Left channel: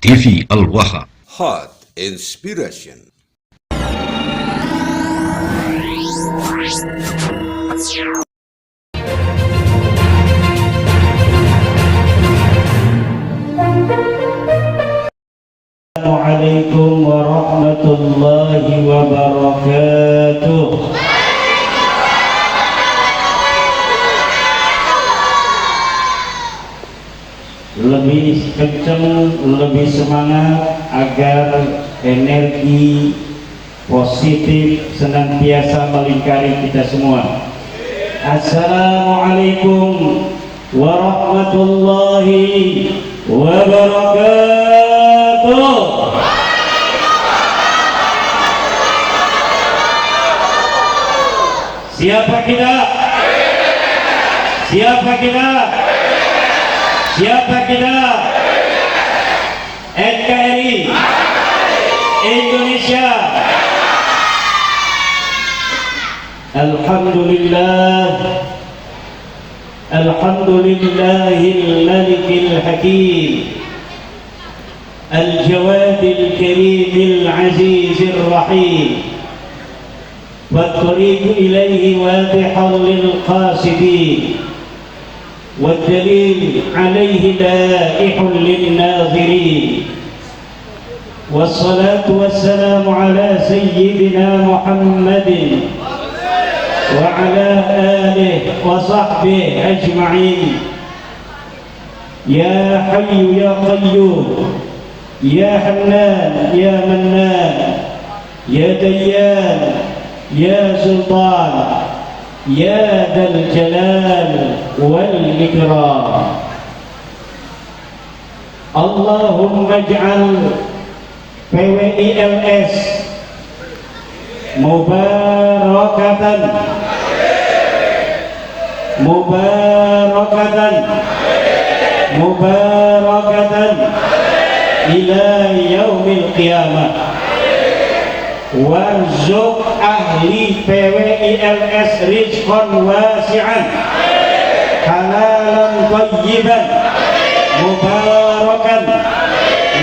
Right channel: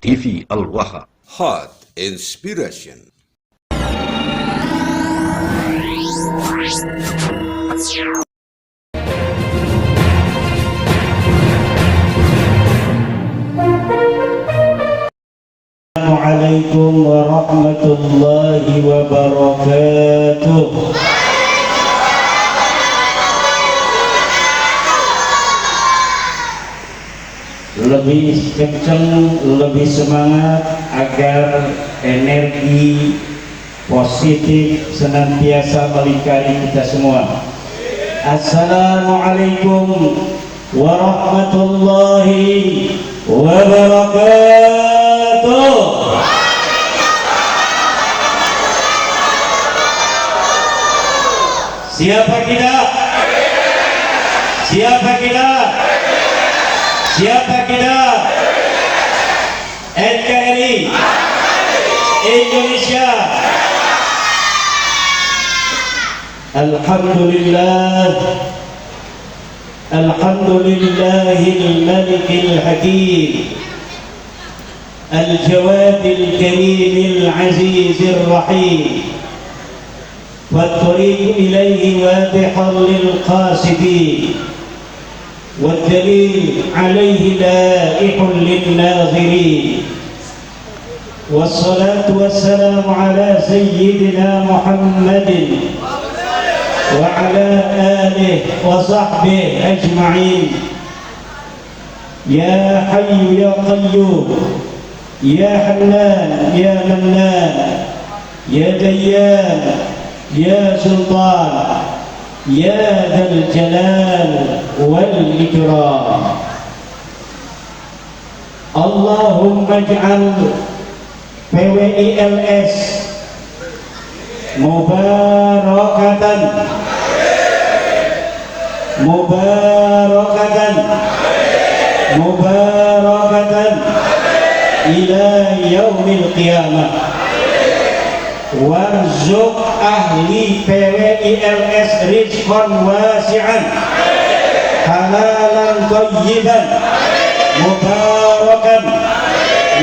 TV Al-Waha. Hot Inspiration. Assalamualaikum warahmatullahi wabarakatuh. Lebih kencang, lebih semangat agar energi positif senantiasa melingkari kita semua. Assalamualaikum warahmatullahi wabarakatuh. Siapa kita? Siapa kita? Siapa kita? NKRI Indonesia. Alhamdulillah, Alhamdulillahil Malikil Hakim, Al-Jawadil Karimil Azizir Rahim, فالطريق إليه واضح للقاصدين والدليل عليه لائح للناظرين والصلاة والسلام على سيدنا محمد وعلى آله وصحبه أجمعين. يا حي يا قيوم يا حنان يا منان يا ديان يا سلطان يا ذا الجلال والإكرام. اللهم اجعل PWILS mubarakatan mubarakatan mubarakatan ila yaumil qiyamah. Warzuq ahli PWILS rizqan wasi'an halalan thayyiban mubarakan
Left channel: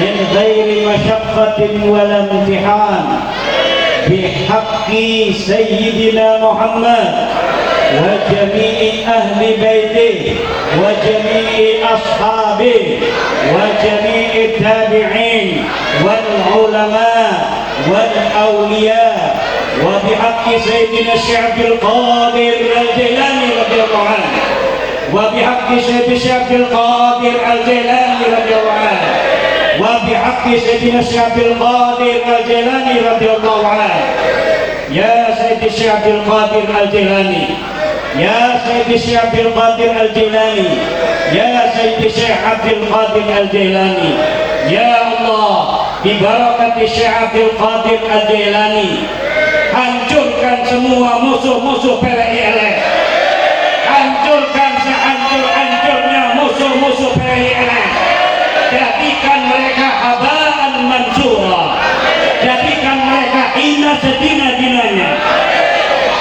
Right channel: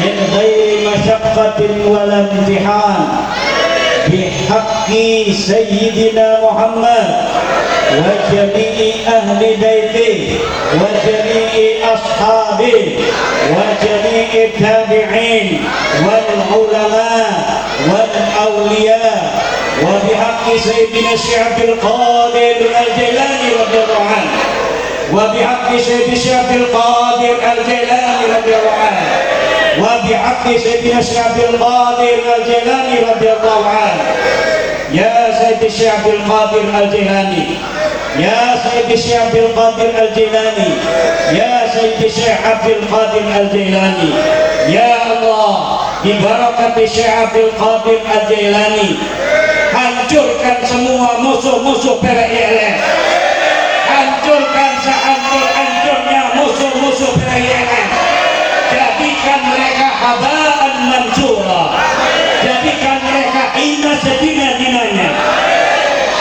min ghairi masyaqqatin wala imtihan bihaqqi sayyidina Muhammad wa jami'i ahli baiti wa jami'i ashabi wa jami'i tabi'in wal ulama wal awliya wa bihaqqi sayyidina Syekh Abdul Qadir Al-Jailani radhiyallahu anhu wa bihaqqi sayyidina Syekh Abdul Qadir Al-Jailani radhiyallahu anhu wa bihaqqi sayyidina Syekh Abdul Qadir Al-Jailani radhiyallahu anhu. Ya Sayyidi Syekh Abdul Qadir Al-Jailani, ya Sayyidi Syekh Abdul Qadir Al-Jailani, ya Sayyidi Syekh Abdul Qadir Al-Jailani, ya Allah, bi barakati Syekh Abdul Qadir Al-Jailani, hancurkan semua musuh-musuh PWILS, hancurkan sehancur-hancurnya musuh-musuh PWILS, jadikan mereka habaan mansura, jadikan mereka hina sedina-dinanya,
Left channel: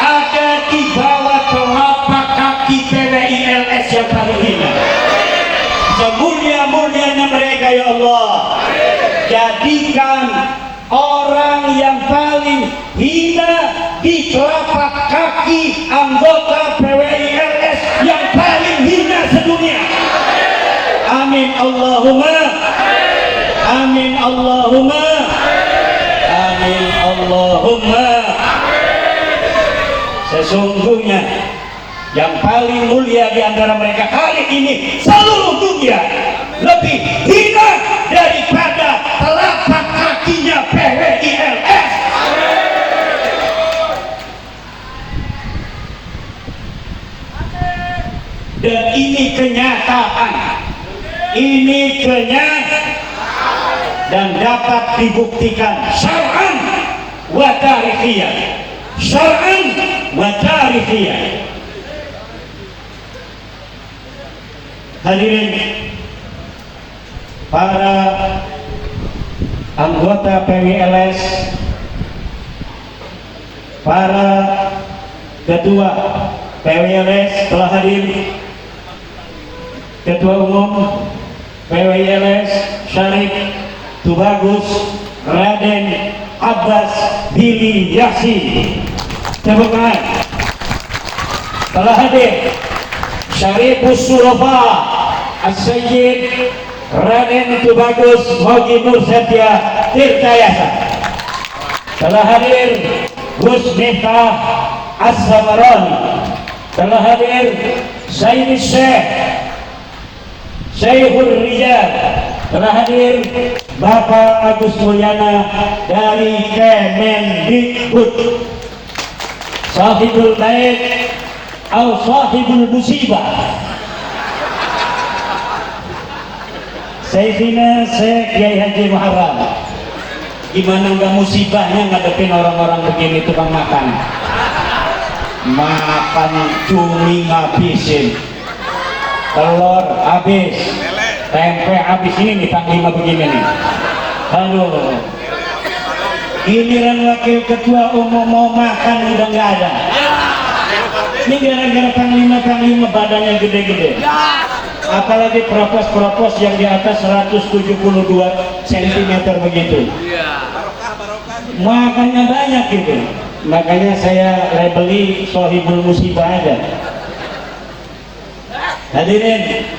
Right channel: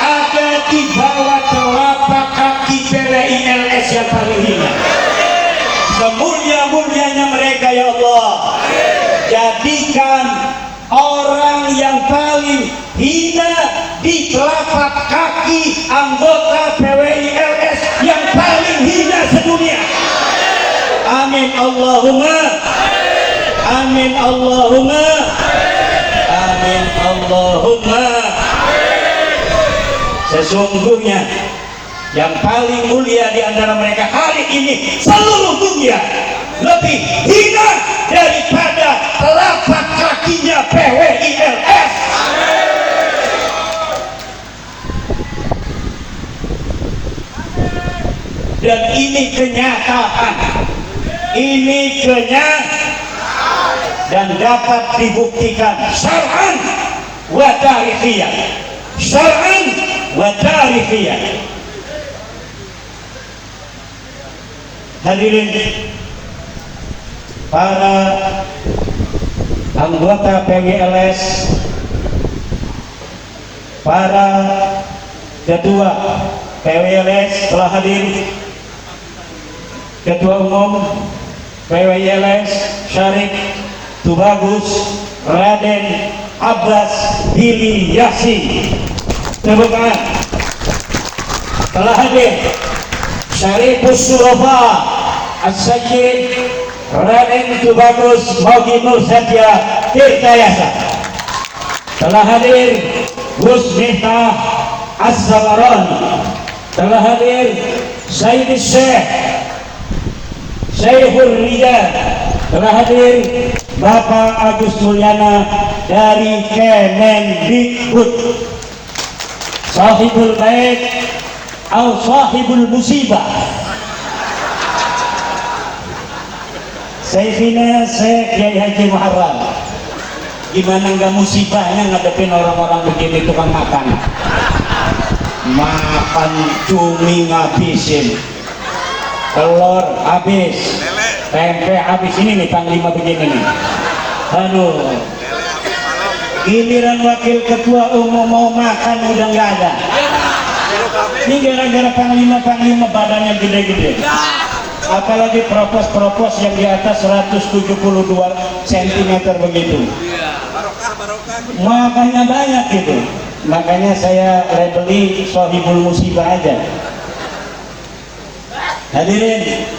ada di bawah telapak kaki PWILS yang paling hina. Semulia-mulianya mereka ya Allah, jadikan orang yang paling hina di telapak kaki anggota PWILS yang paling hina sedunia. Amin Allahumma, amin Allahumma, amin Allahumma. Sesungguhnya yang paling mulia di antara mereka hari ini seluruh dunia lebih hina daripada telapak kakinya PWILS. Dan ini kenyataan, ini kenyataan dan dapat dibuktikan syar'an wa tarikhiyan, syar'an wa tarikhiyan. Hadirin para anggota PWILS, para ketua PWILS telah hadir, Ketua Umum PWLS Syarif Tubagus Raden Abbas Billy Yasin. Tepuk tangan. Telah hadir Syarifus Sulafa As-Sayyid Raden Tubagus Mogi Nur Satya Tirtayasa. Telah hadir Gus Miftah As-Samarani. Telah hadir Sayyid Syekh Syekhul Rijal. Telah hadir Bapak Agus Mulyana dari Kemendikbud. Sahibul Bait atau Sahibul Musibah. Syekhina Syekh Kiai Haji Muharram. Gimana nggak musibahnya ngadepin orang-orang begini tukang makan? Makan cumi ngabisin, telur habis, tempe habis. Ini nih panglima begini nih. Aduh, giliran wakil ketua umum mau makan udah nggak ada. Ini gara-gara panglima badannya gede-gede. Apalagi propos yang di atas 172 cm begitu. Makannya banyak gitu. Makanya saya beli Sohibul Musibah aja. Hadirin,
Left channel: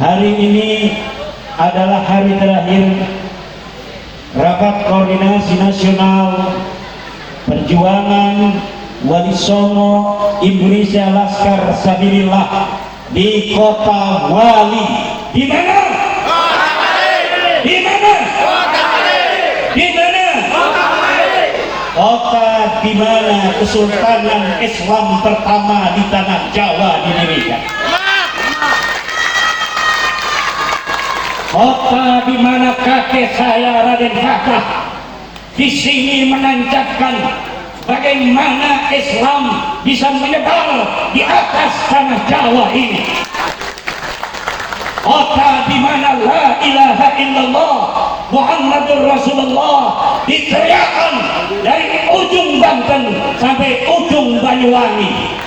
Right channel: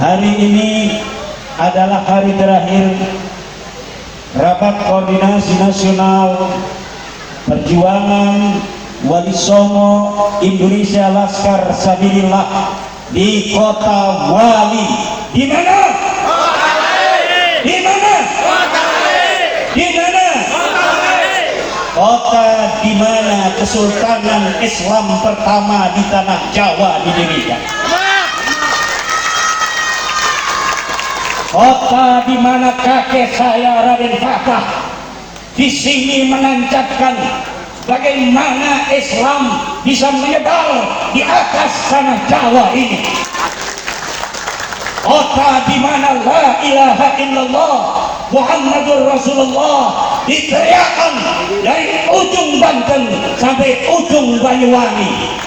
hari ini adalah hari terakhir Rapat Koordinasi Nasional Perjuangan Wali Songo Indonesia Laskar Sabilillah di Kota Wali. Di mana? Kota Wali. Di mana? Kota Wali. Di mana? Kota Wali. Kota di mana Kesultanan Islam pertama di tanah Jawa di Indonesia. Kota di mana kakek saya Raden Fatah di sini menancapkan bagaimana Islam bisa menyebar di atas tanah Jawa ini. Kota di mana la ilaha illallah Muhammadur Rasulullah diteriakkan dari ujung Banten sampai ujung Banyuwangi.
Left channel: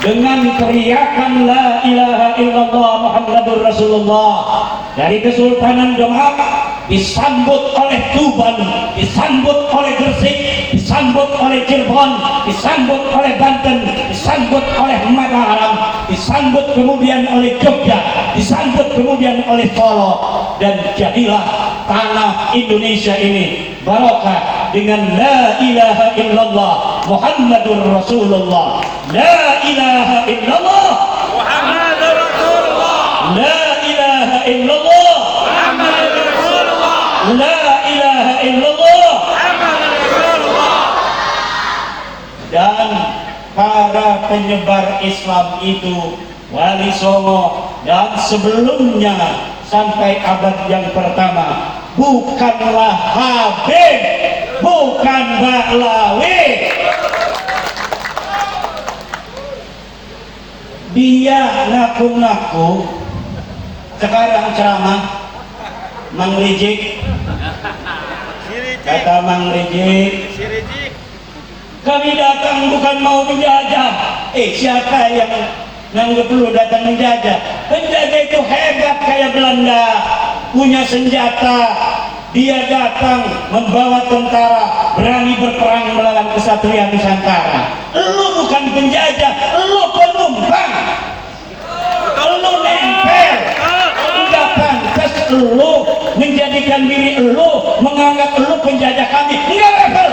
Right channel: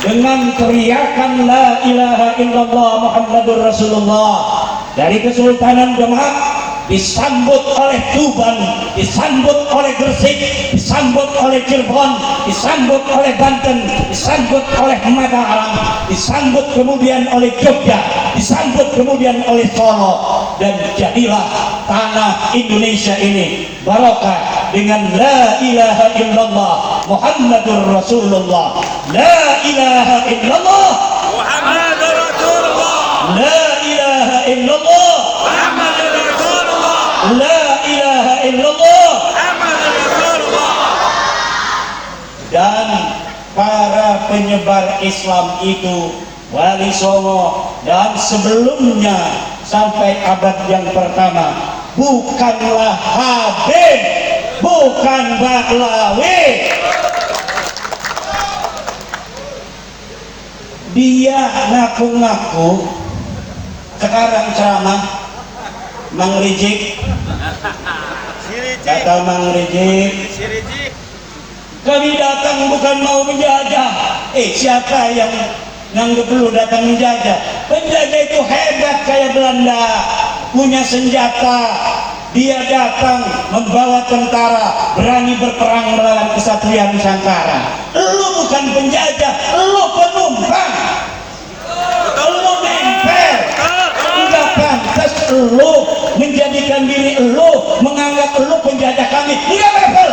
Dengan teriakan la ilaha illallah Muhammadur Rasulullah dari Kesultanan Demak disambut oleh Tuban, disambut oleh Gresik, disambut oleh Cirebon, disambut oleh Banten, disambut oleh Mataram, disambut kemudian oleh Jogja, disambut kemudian oleh Solo, dan jadilah tanah Indonesia ini barokah dengan la ilaha illallah Muhammadur Rasulullah. La ilaha illallah Muhammadur Rasulullah. La ilaha illallah Muhammadur Rasulullah. La ilaha illallah Muhammadur Rasulullah. Dan para penyebar Islam itu Wali Songo dan sebelumnya sampai abad yang pertama bukanlah Habib, bukan Baklawi. Dia ngaku-ngaku sekarang ceramah Mang Rijik, kata Mang Rijik, kami datang bukan mau menjajah. Siapa yang nganggep lu datang menjajah? Penjajah itu hebat kayak Belanda, punya senjata. Dia datang membawa tentara, berani berperang melawan kesatria Nusantara. Lu bukan penjajah, lu penumpang. Lu nempel. Enggak pantas lu menjadikan diri lu, menganggap lu penjajah kami. Enggak level.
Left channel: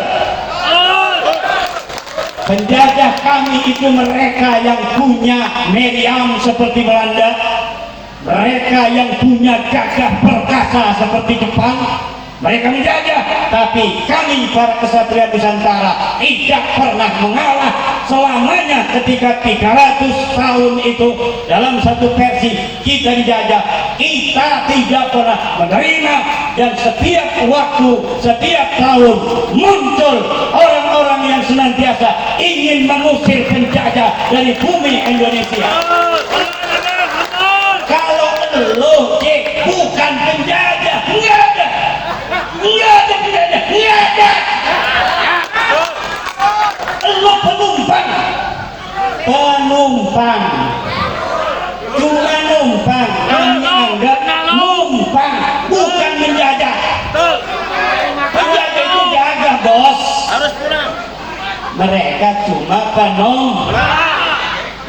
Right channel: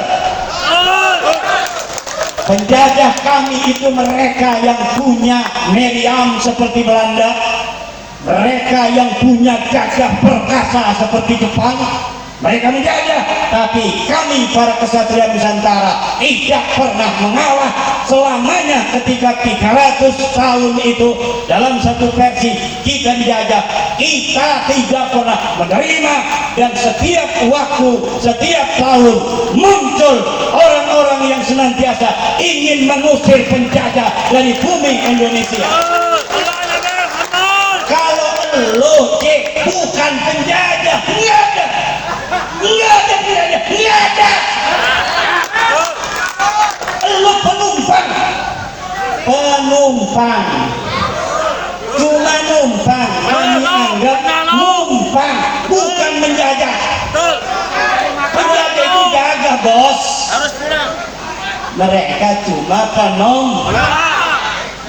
Penjajah kami itu mereka yang punya meriam seperti Belanda, mereka yang punya gagah perkasa seperti Jepang. Mereka menjajah, tapi kami para kesatria Nusantara tidak pernah mengalah selamanya. Ketika 300 tahun itu dalam satu versi kita dijajah, kita tidak pernah menerima. Dan setiap waktu, setiap tahun muncul orang-orang yang senantiasa ingin mengusir penjajah dari bumi Indonesia. Kalau lo bukan penjajah, enggak ada. Lu penumpang, cuma numpang. mereka cuma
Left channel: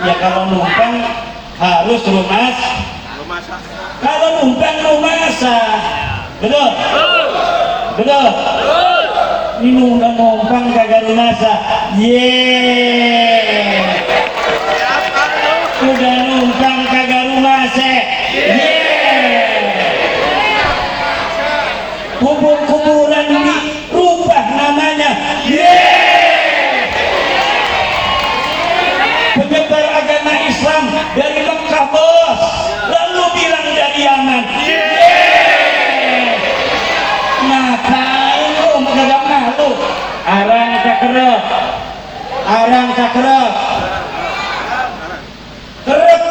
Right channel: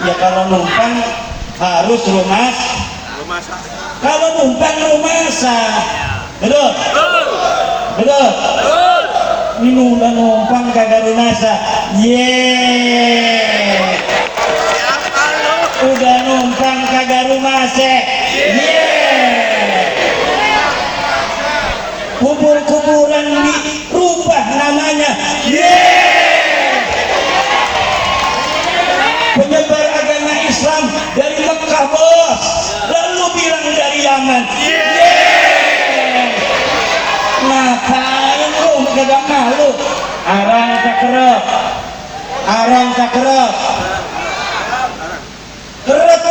ya kalau numpang harus lunas. Kalau numpang lumasan, betul? Betul? Ini numpang kagak lunasan. Siapa lu? Udah numpang kagak lunasan. Kubur-kuburan dirubah namanya. Penyebar agama Islam dari Mekah, bos, lalu bilang dari Yaman. Ngapain lu kagak malu? Arang sakrep, kerep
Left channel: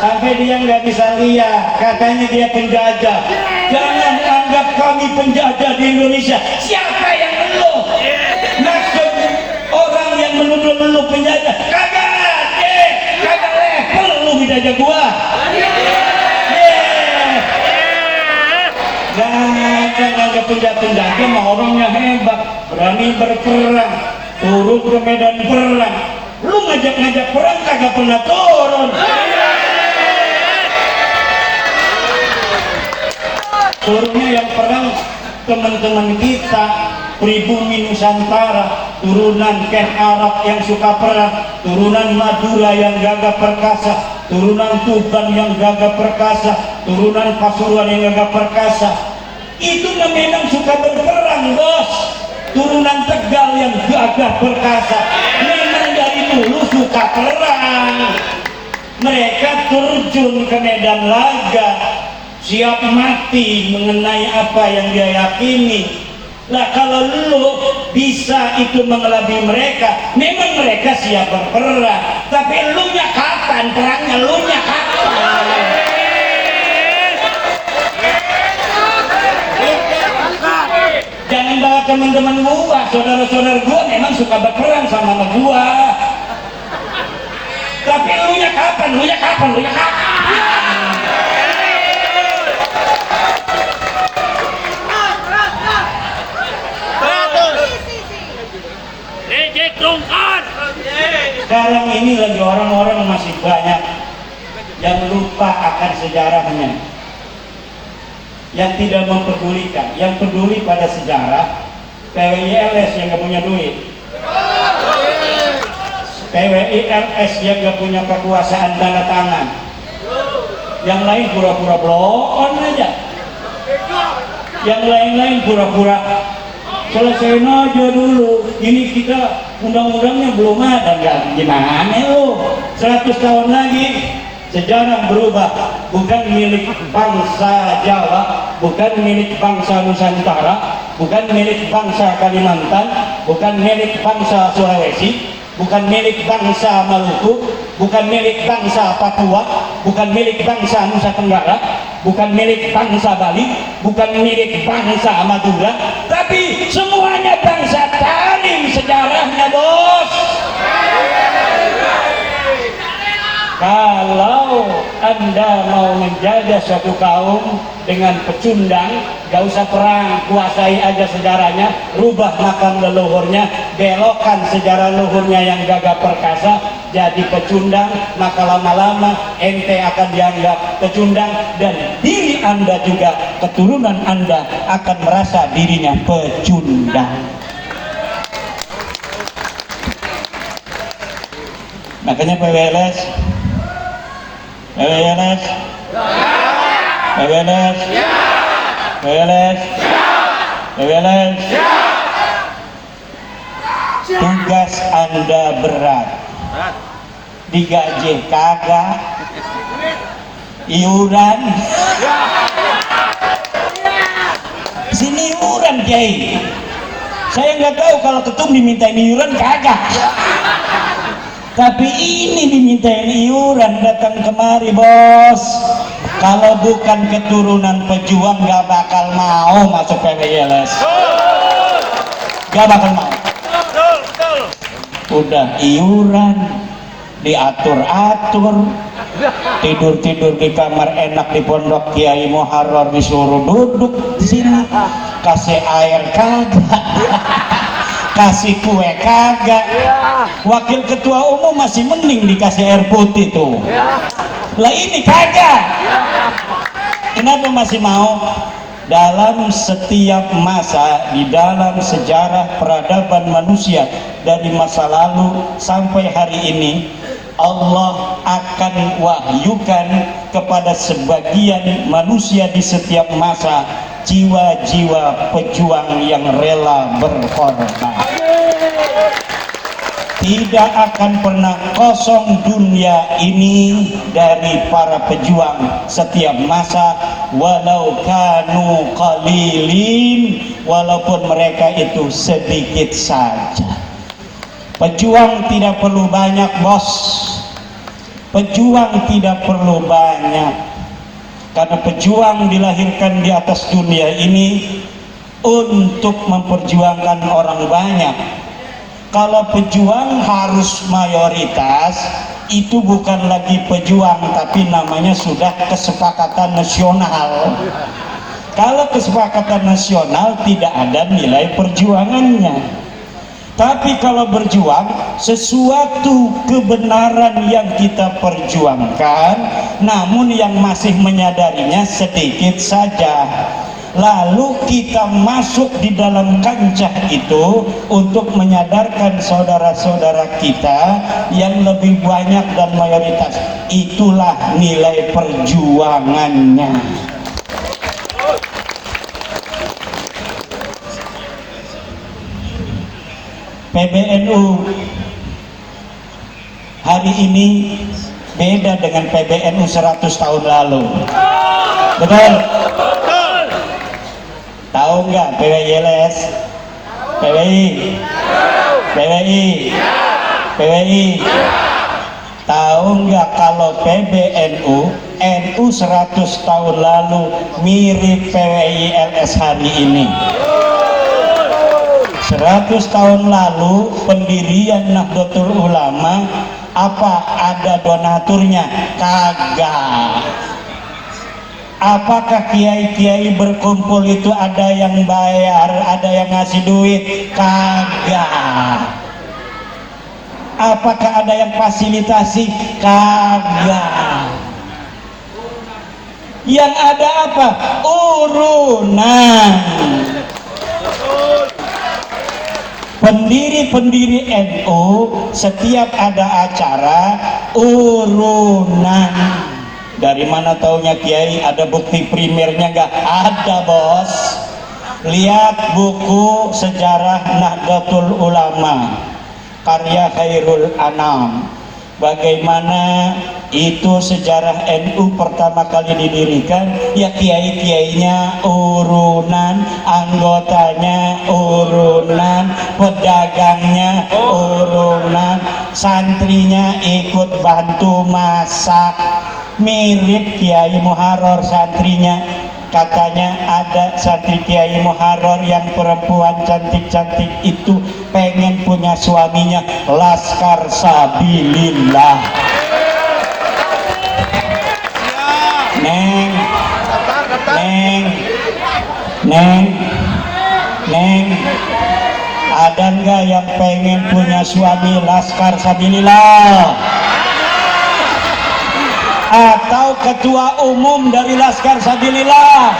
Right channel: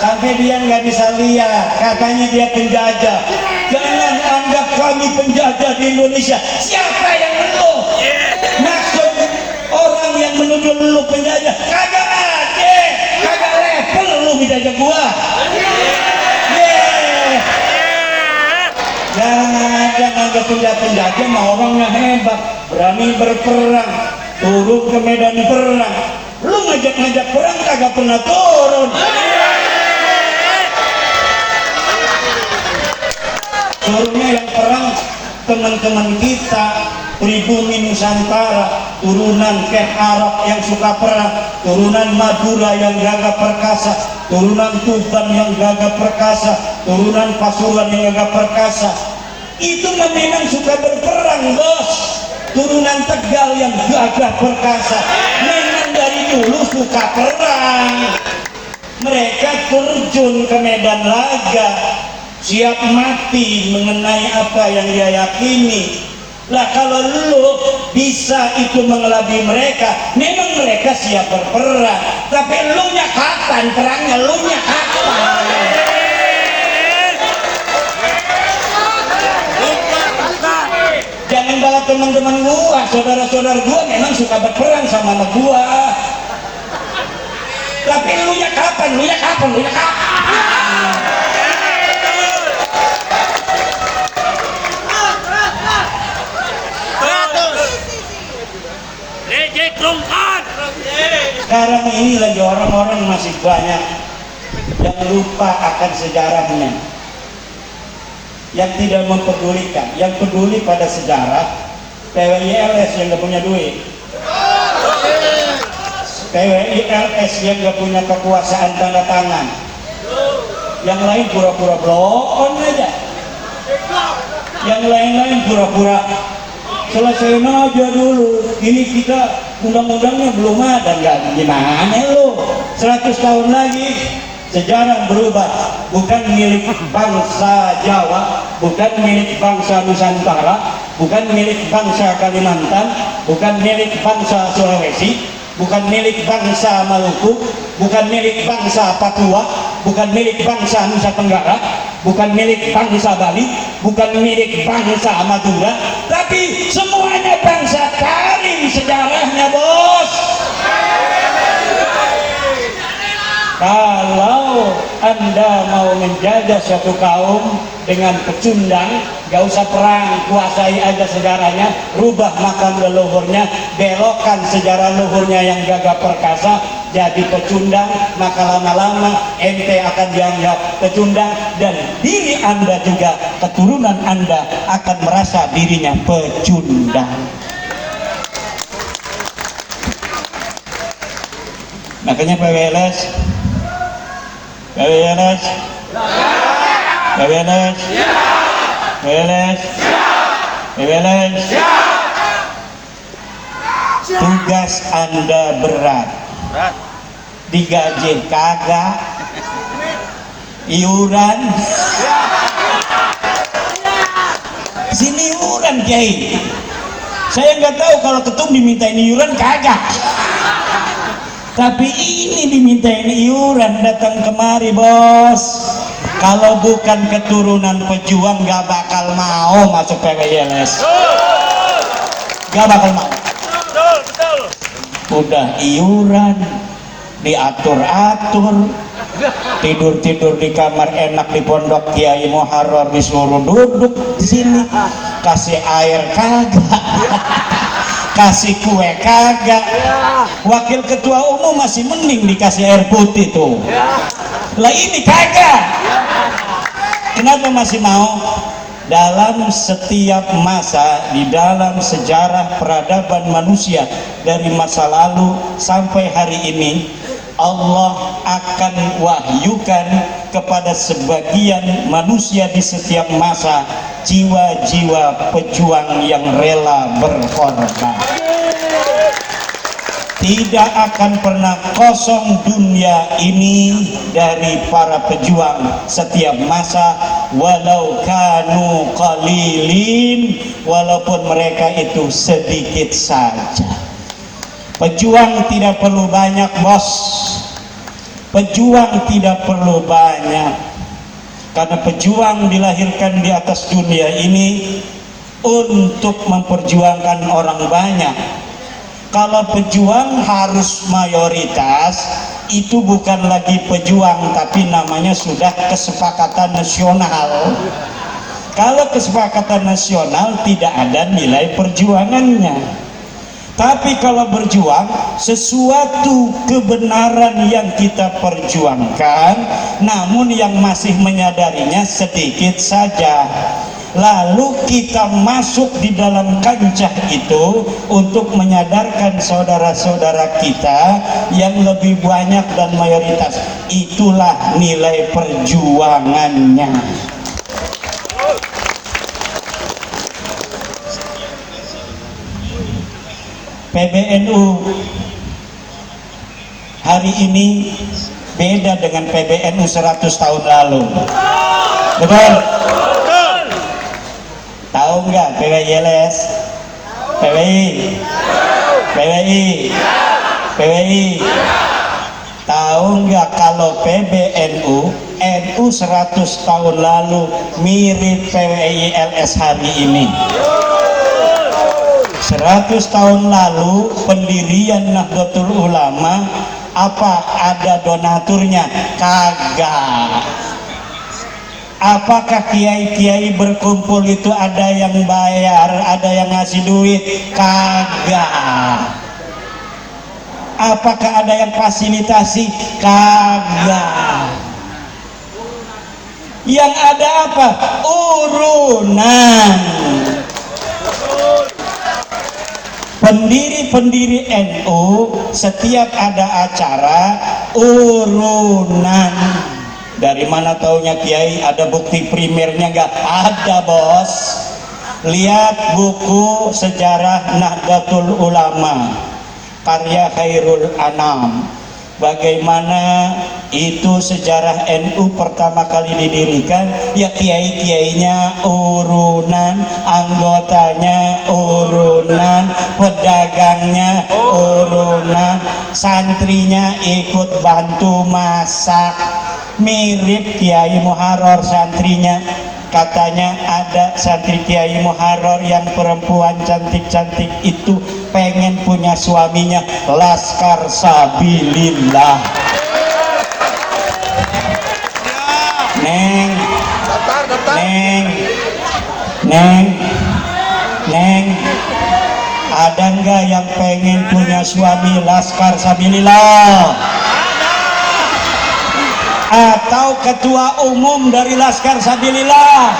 sampai dia nggak bisa lihat, katanya dia penjajah. Jangan anggap kami penjajah di Indonesia. Siapa yang menuduh? Maksud orang yang menuduh lu penjajah, kagak ada, kagak level lu penjajah gua. Jangan anggap penjajah mah orangnya hebat, berani berperang, turun ke medan perang. Lu ngajak-ngajak perang kagak pernah turun. Turunnya yang perang teman-teman kita, pribumi Nusantara, turunan Ken Arab yang suka perang, turunan Madura yang gagah perkasa, turunan Tuban yang gagah perkasa, turunan Pasuruan yang gagah perkasa. Itu memang suka berperang, bos. Turunan Tegal yang gagah perkasa, memang dari dulu suka perang. Mereka terjun ke medan laga, siap mati mengenai apa yang dia yakini. Lah kalau lu bisa itu mengelabui mereka, memang mereka siap berperang. Tapi lu nya kapan perangnya? Lu nya kapan? Jangan bawa teman-teman gua, saudara-saudara gua memang suka berperang sama gua. Tapi lu nya kapan? Lu nya kapan? Lu nya kapan? Sekarang ini lagi orang-orang masih banyak yang lupa akan sejarahnya, yang tidak mempedulikan, yang peduli pada sejarah. PWILS yang gak punya duit, PWILS yang gak punya kekuasaan tanda tangan, yang lain pura-pura bloon aja, yang lain-lain pura-pura selesaiin aja dulu. Ini kita undang-undangnya belum ada, nggak gimana lu? 100 tahun lagi sejarah berubah, bukan milik bangsa Jawa, bukan milik bangsa Nusantara, bukan milik bangsa Kalimantan, bukan milik bangsa Sulawesi, bukan milik bangsa Maluku, bukan milik bangsa Papua, bukan milik bangsa Nusa Tenggara, bukan milik bangsa Bali, bukan milik bangsa Madura, tapi semuanya bangsa Tarim sejarahnya, bos. Kalau Anda mau menjaga suatu kaum dengan pecundang, gak usah perang, kuasai aja sejarahnya, rubah makam leluhurnya, belokkan sejarah leluhurnya yang gagah perkasa jadi pecundang, maka lama-lama ente akan dianggap pecundang, dan diri Anda juga, keturunan Anda akan merasa dirinya pecundang. Makanya PWLS tugas Anda berat, digaji kagak, iuran sini iuran Kiai. Saya nggak tahu kalau ketum dimintain iuran kagak, tapi ini dimintain iuran, datang kemari, bos. Kalau bukan keturunan pejuang gak bakal mau masuk PWLS, gak bakal mau. Udah iuran diatur-atur, tidur-tidur di kamar enak di pondok Kiai Muharrar, disuruh duduk di sini, kasih air kagak, kasih kue kagak, wakil ketua umum masih mending dikasih air putih tuh, lah ini kagak. Kenapa masih mau? Dalam setiap masa di dalam sejarah peradaban manusia dari masa lalu sampai hari ini, Allah akan wahyukan kepada sebagian manusia di setiap masa jiwa-jiwa pejuang yang rela berkorban. Tidak akan pernah kosong dunia ini dari para pejuang setiap masa, walau kanu qalilin, walaupun mereka itu sedikit saja. Pejuang tidak perlu banyak, bos. Pejuang tidak perlu banyak, karena pejuang dilahirkan di atas dunia ini untuk memperjuangkan orang banyak. Kalau pejuang harus mayoritas, itu bukan lagi pejuang, tapi namanya sudah kesepakatan nasional. Kalau kesepakatan nasional tidak ada nilai perjuangannya. Tapi kalau berjuang, sesuatu kebenaran yang kita perjuangkan, namun yang masih menyadarinya sedikit saja. Lalu kita masuk di dalam kancah itu untuk menyadarkan saudara-saudara kita yang lebih banyak dan mayoritas. Itulah nilai perjuangannya. PBNU hari ini beda dengan PBNU 100 tahun lalu. Betul? Tahu nggak PWI-LS? PWI. Tahu nggak kalau PBNU NU 100 tahun lalu mirip PWI-LS hari ini? 100 tahun lalu pendirian Nahdlatul Ulama, apa ada donaturnya? Kagak. Apakah kiai-kiai berkumpul itu ada yang bayar, ada yang ngasih duit? Kagak. Apakah ada yang fasilitasi? Kagak. Yang ada apa? Urunan. Pendiri-pendiri NU setiap ada acara urunan. Dari mana taunya kiai? Ada bukti primernya nggak? Ada, bos. Lihat buku sejarah Nahdlatul Ulama karya Khairul Anam, bagaimana itu sejarah NU pertama kali didirikan. Ya kiai-kiainya urunan, anggotanya urunan, pedagangnya urunan, santrinya ikut bantu masak. Mirip Kiai Muharrar santrinya. Katanya ada santri Kiai Muharrar yang perempuan cantik-cantik itu pengen punya suaminya Laskar Sabilillah. Neng, ada nggak yang pengen punya suami Laskar Sabilillah? Atau ketua umum dari Laskar Sabilillah?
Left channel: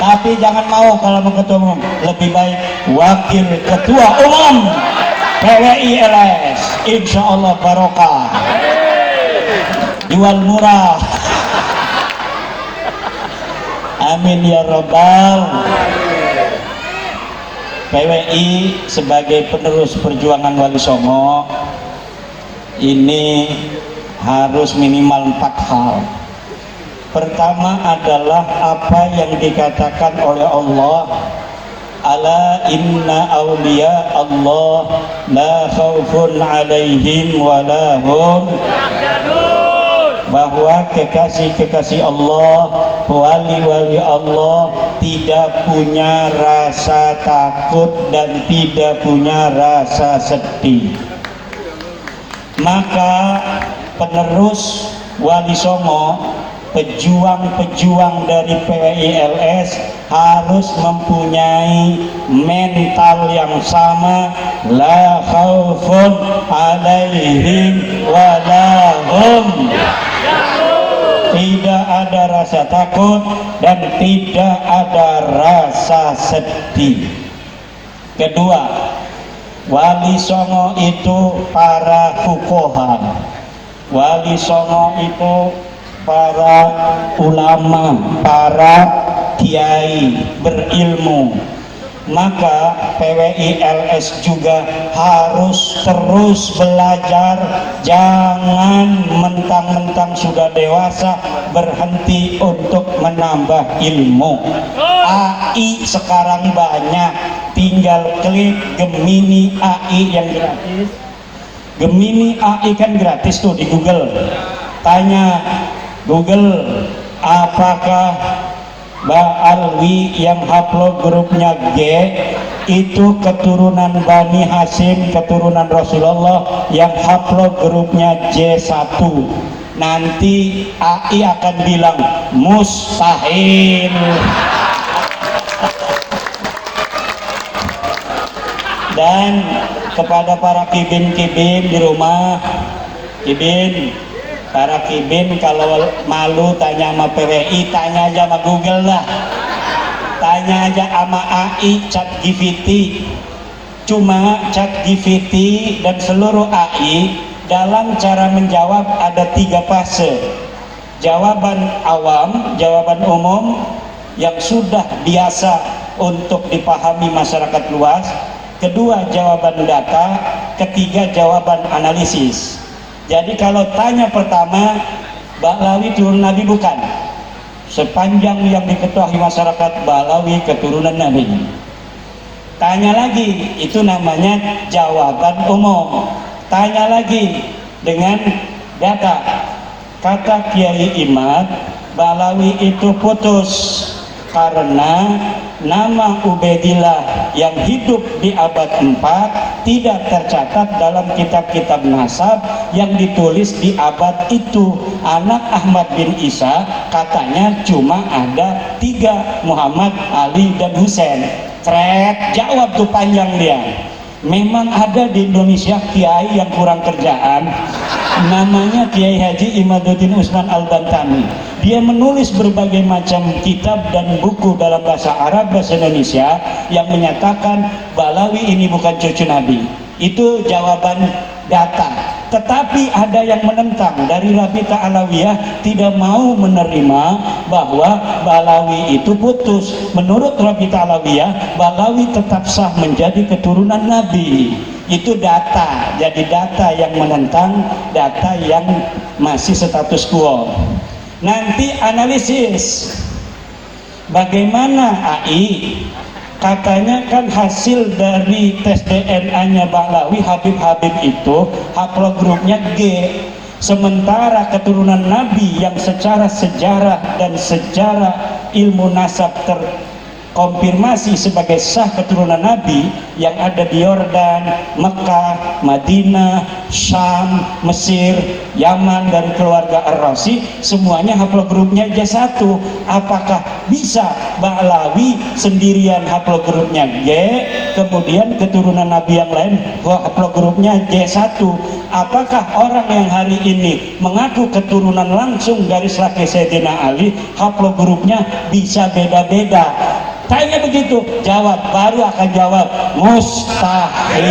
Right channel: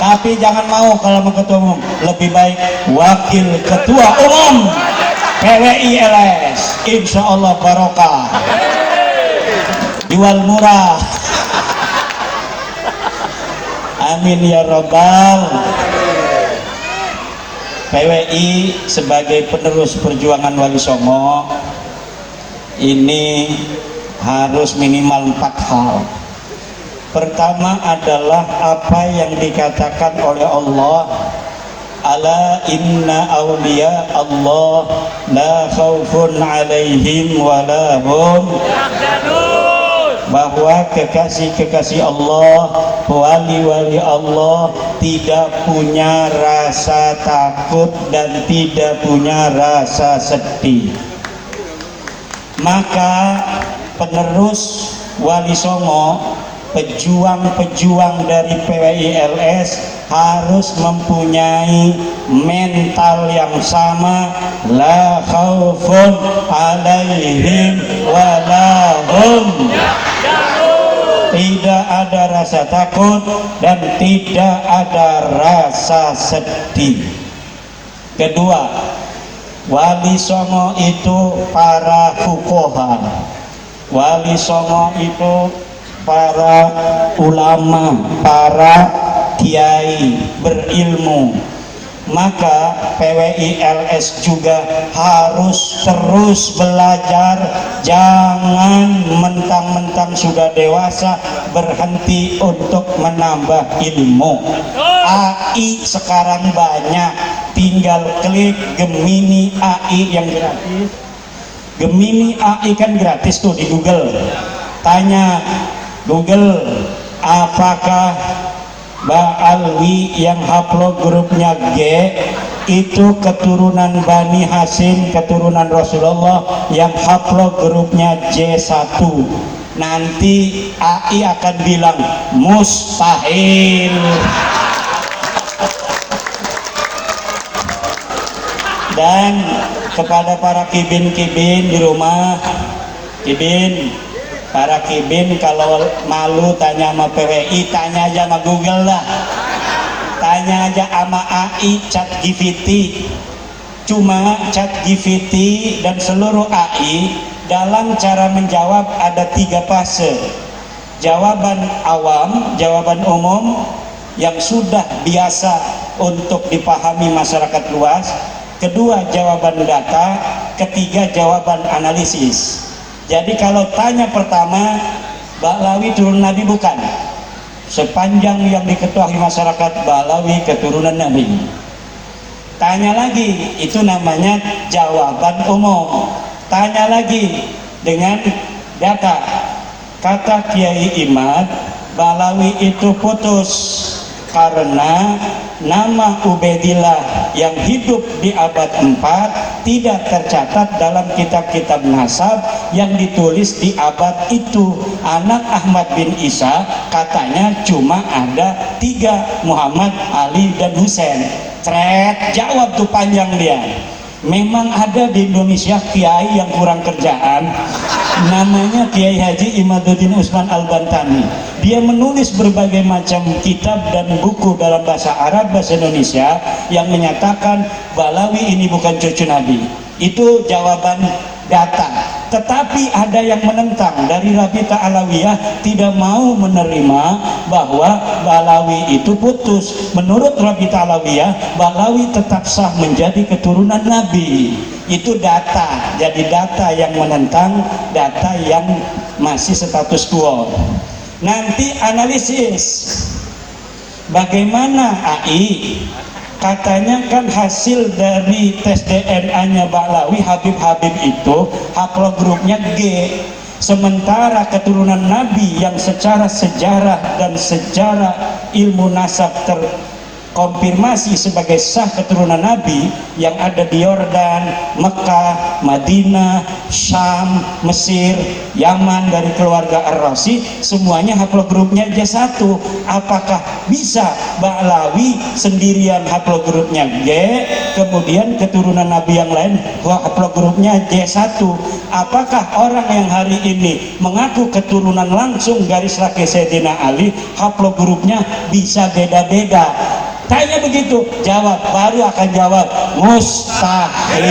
Tapi jangan mau kalau mau ketua umum, lebih baik wakil ketua umum PWI-LS, insya Allah barokah, jual murah. Amin ya Rabbal. PWI sebagai penerus perjuangan Wali Songo ini harus minimal 4 hal. Pertama adalah apa yang dikatakan oleh Allah, ala inna awliya Allah la khaufun alaihim wa la hum, bahwa kekasih-kekasih Allah, wali-wali Allah tidak punya rasa takut dan tidak punya rasa sedih. Maka penerus Wali Songo pejuang-pejuang dari PWILS harus mempunyai mental yang sama, la khaufun alaihim walahum, tidak ada rasa takut dan tidak ada rasa sedih. Kedua, Wali Songo itu para fuqaha, Wali Songo itu para ulama, para kiai berilmu. Maka PWILS juga harus terus belajar, jangan mentang-mentang sudah dewasa berhenti untuk menambah ilmu. AI sekarang banyak, tinggal klik Gemini AI yang gratis. Gemini AI kan gratis tuh di Google. Tanya Google, apakah Ba'alwi yang haplogrupnya G itu keturunan Bani Hashim, keturunan Rasulullah yang haplogrupnya J1? Nanti AI akan bilang mustahil. Dan kepada para kibin-kibin di rumah, kibin, para kibin kalau malu tanya sama PWI, tanya aja sama Google lah, tanya aja sama AI, ChatGPT. Cuma ChatGPT dan seluruh AI dalam cara menjawab ada 3 fase. Jawaban awam, jawaban umum yang sudah biasa untuk dipahami masyarakat luas. Kedua, jawaban data. Ketiga, jawaban analisis. Jadi kalau tanya pertama, Ba'lawi turun Nabi bukan? Sepanjang yang diketahui masyarakat, Ba'lawi keturunan Nabi. Tanya lagi, itu namanya jawaban umum. Tanya lagi dengan data. Kata Kiai Imad, Ba'lawi itu putus karena nama Ubaidillah yang hidup di abad 4 tidak tercatat dalam kitab-kitab nasab yang ditulis di abad itu. Anak Ahmad bin Isa katanya cuma ada 3, Muhammad, Ali, dan Husain. Jawab tuh panjang dia. Memang ada di Indonesia kiai yang kurang kerjaan, namanya Kiai Haji Imaduddin Usman Al-Bantani. Dia menulis berbagai macam kitab dan buku dalam bahasa Arab, bahasa Indonesia yang menyatakan Ba'lawi ini bukan cucu Nabi. Itu jawaban data. Tetapi ada yang menentang dari Rabita Alawiyah, tidak mau menerima bahwa Ba'lawi itu putus. Menurut Rabita Alawiyah, Ba'lawi tetap sah menjadi keturunan Nabi. Itu data. Jadi data yang menentang, data yang masih status quo. Nanti analisis bagaimana AI. Katanya kan hasil dari tes DNA-nya Ba'lawi, Habib itu haplogrupnya G. Sementara keturunan Nabi yang secara sejarah dan sejarah ilmu nasab terkonfirmasi sebagai sah keturunan Nabi yang ada di Yordan, Mekah, Madinah, Syam, Mesir, Yaman dari keluarga Ar-Razi, semuanya haplogrupnya J1. Apakah bisa Ba'lawi sendirian haplogrupnya G, kemudian keturunan Nabi yang lain haplogrupnya J1? Apakah orang yang hari ini mengaku keturunan langsung garis laki Sayyidina Ali, haplogrupnya bisa beda-beda? Tanya begitu, jawab, baru akan jawab mustahil.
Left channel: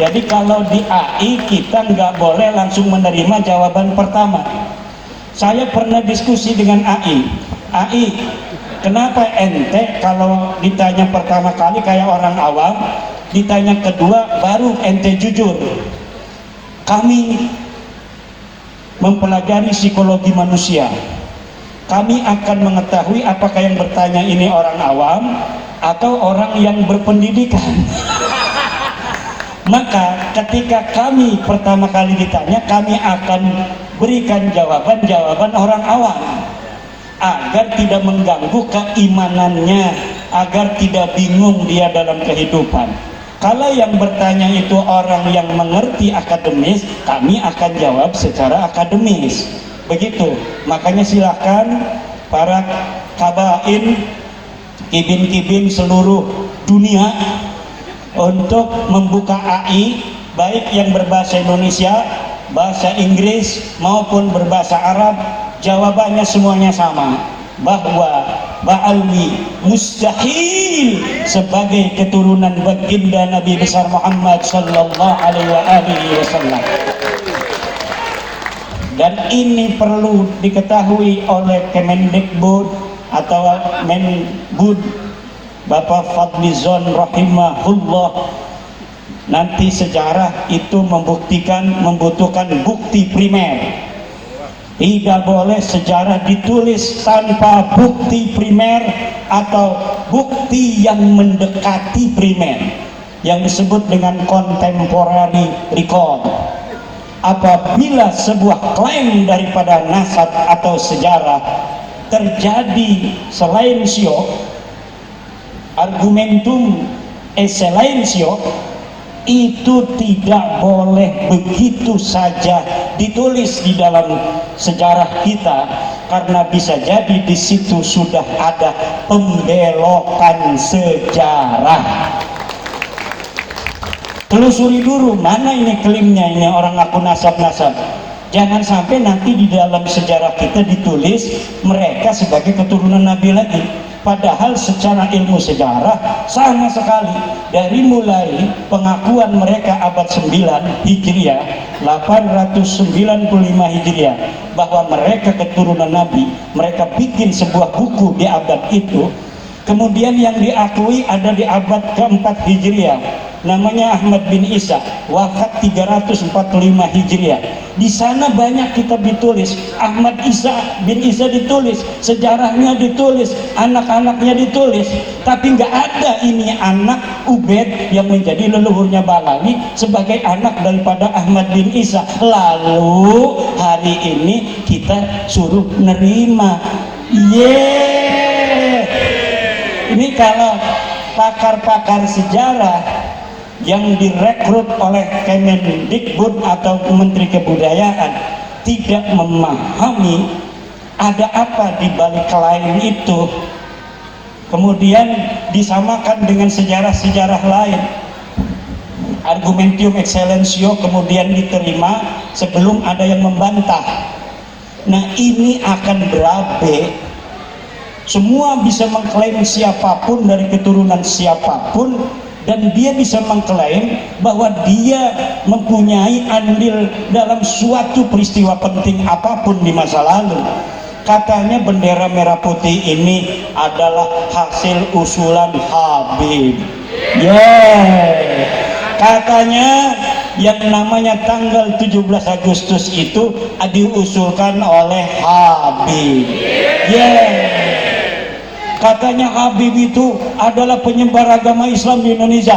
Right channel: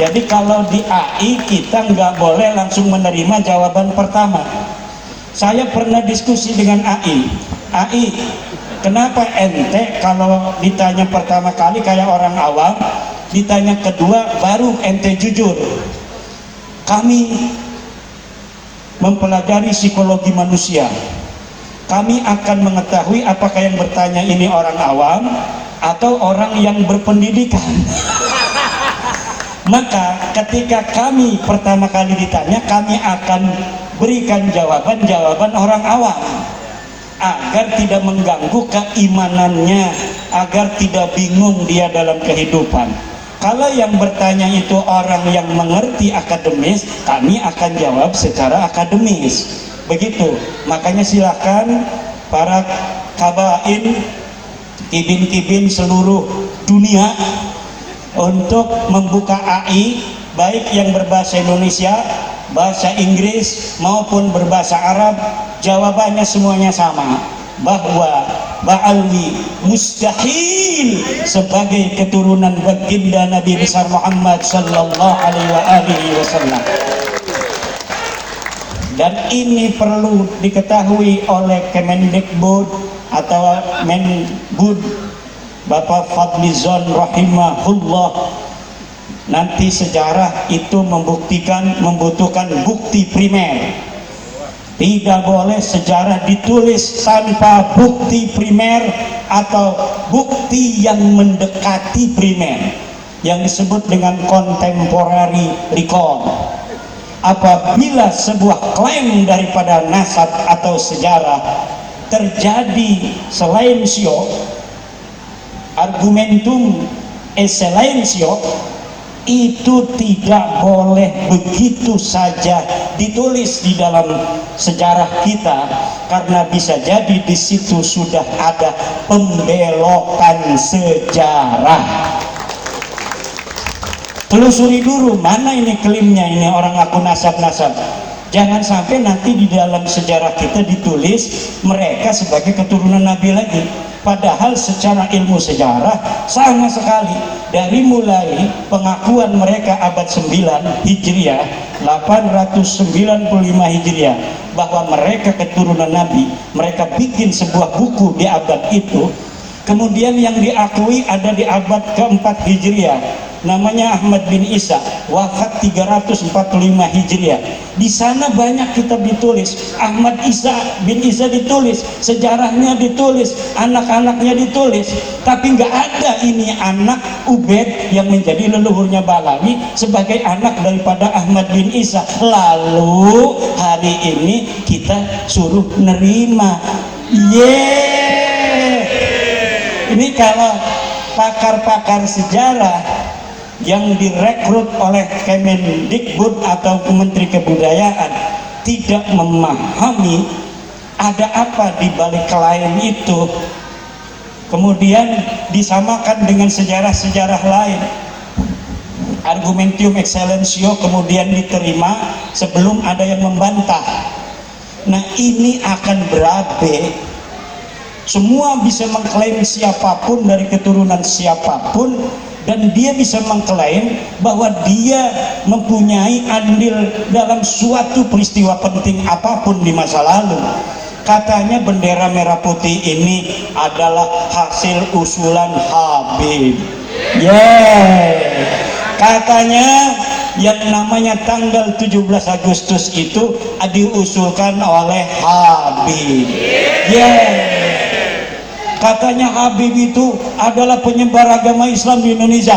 Jadi kalau di AI kita nggak boleh langsung menerima jawaban pertama. Saya pernah diskusi dengan AI, kenapa ente kalau ditanya pertama kali kayak orang awam, ditanya kedua baru ente jujur? Kami mempelajari psikologi manusia. Kami akan mengetahui apakah yang bertanya ini orang awam atau orang yang berpendidikan. Maka ketika kami pertama kali ditanya, kami akan berikan jawaban orang awam agar tidak mengganggu keimanannya, agar tidak bingung dia dalam kehidupan. Kalau yang bertanya itu orang yang mengerti akademis, kami akan jawab secara akademis. Begitu. Makanya silakan para kabain, kibin-kibin seluruh dunia untuk membuka AI, baik yang berbahasa Indonesia, bahasa Inggris maupun berbahasa Arab. Jawabannya semuanya sama, bahwa Ba'alwi mustahil sebagai keturunan baginda Nabi besar Muhammad sallallahu alaihi wasallam. Dan ini perlu diketahui oleh Kemendikbud atau Menbud Bapak Fadlizon rahimahullah. Nanti sejarah itu membutuhkan bukti primer. Tidak boleh sejarah ditulis tanpa bukti primer atau bukti yang mendekati primer, yang disebut dengan contemporary record. Apabila sebuah klaim daripada nasab atau sejarah terjadi silencio, argumentum silencio, itu tidak boleh begitu saja ditulis di dalam sejarah kita, karena bisa jadi di situ sudah ada pembelokan sejarah. Telusuri dulu mana ini klaimnya, ini orang aku nasab-nasab. Jangan sampai nanti di dalam sejarah kita ditulis mereka sebagai keturunan Nabi lagi. Padahal secara ilmu sejarah sama sekali. Dari mulai pengakuan mereka abad 9 Hijriah, 895 Hijriah, bahwa mereka keturunan Nabi, mereka bikin sebuah buku di abad itu. Kemudian yang diakui ada di abad keempat Hijriah, namanya Ahmad bin Isa, wafat 345 Hijriah. Di sana banyak kitab ditulis, Ahmad bin Isa ditulis, sejarahnya ditulis, anak-anaknya ditulis, tapi nggak ada ini anak Ubed yang menjadi leluhurnya Balawi sebagai anak daripada Ahmad bin Isa. Lalu hari ini kita suruh nerima. Ini kalau pakar-pakar sejarah yang direkrut oleh Kemendikbud atau Menteri Kebudayaan tidak memahami ada apa di balik klaim itu, kemudian disamakan dengan sejarah-sejarah lain, argumentum excellentio kemudian diterima sebelum ada yang membantah. Nah, ini akan berabe. Semua bisa mengklaim siapapun dari keturunan siapapun, dan dia bisa mengklaim bahwa dia mempunyai andil dalam suatu peristiwa penting apapun di masa lalu. Katanya bendera merah putih ini adalah hasil usulan Habib. Katanya yang namanya tanggal 17 Agustus itu diusulkan oleh Habib. Katanya Habib itu adalah penyebar agama Islam di Indonesia.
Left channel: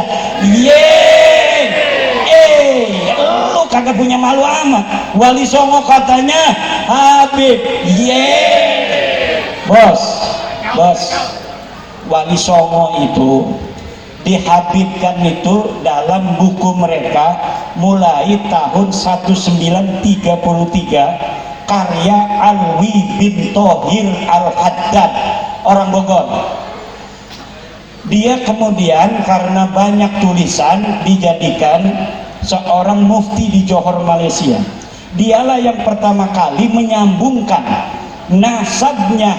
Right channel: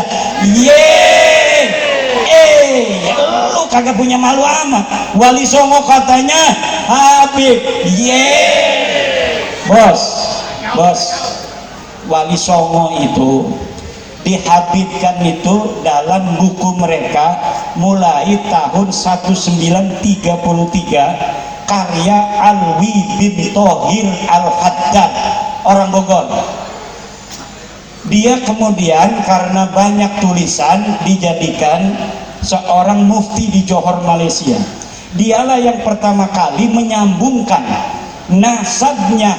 Lu kagak punya malu amat. Wali Songo katanya Habib. Bos, Wali Songo itu dihabibkan itu dalam buku mereka mulai tahun 1933, karya Alwi bin Thohir Al-Haddad, orang Bogor. Dia kemudian karena banyak tulisan dijadikan seorang mufti di Johor, Malaysia. Dialah yang pertama kali menyambungkan nasabnya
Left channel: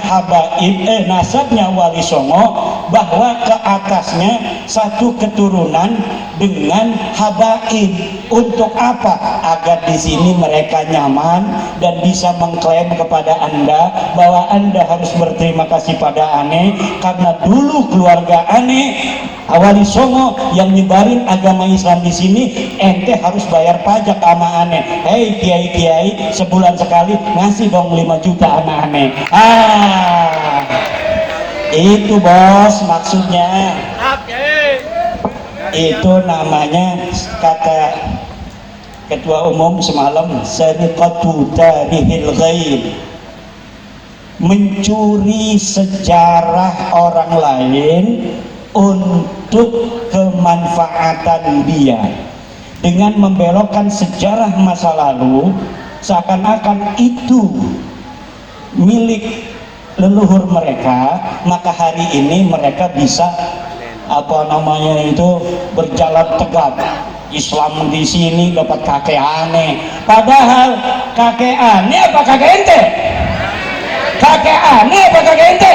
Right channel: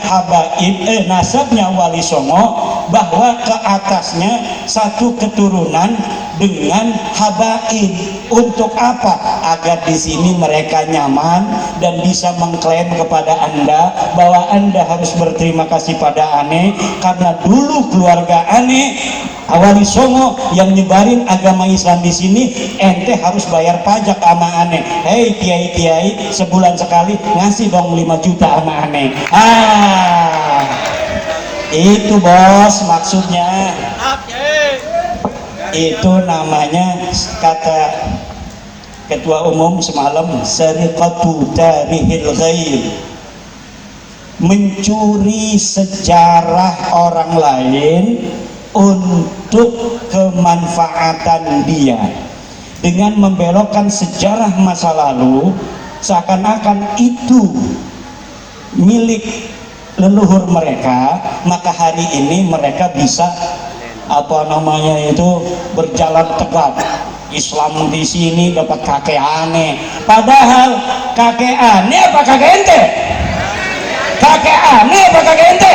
nasabnya Wali Songo, bahwa ke atasnya satu keturunan dengan habaib. Untuk apa? Agar di sini mereka nyaman dan bisa mengklaim kepada Anda bahwa Anda harus berterima kasih pada Ane, karena dulu keluarga Ane Wali Songo yang nyebarin agama Islam di sini, ente harus bayar pajak sama Ane. Hei kiai-kiai, sebulan sekali ngasih dong 5 juta sama Ane. Itu bos maksudnya. Itu namanya, kata Ketua Umum semalam, sariqatu tarihil ghair, mencuri sejarah orang lain untuk kemanfaatan dia, dengan membelokkan sejarah masa lalu seakan-akan itu milik leluhur mereka, maka hari ini mereka bisa apa namanya itu berjalan tegap. Islam di sini dapat kakek aneh, padahal kakek aneh apa kakek ente? Kakek aneh apa kakek ente?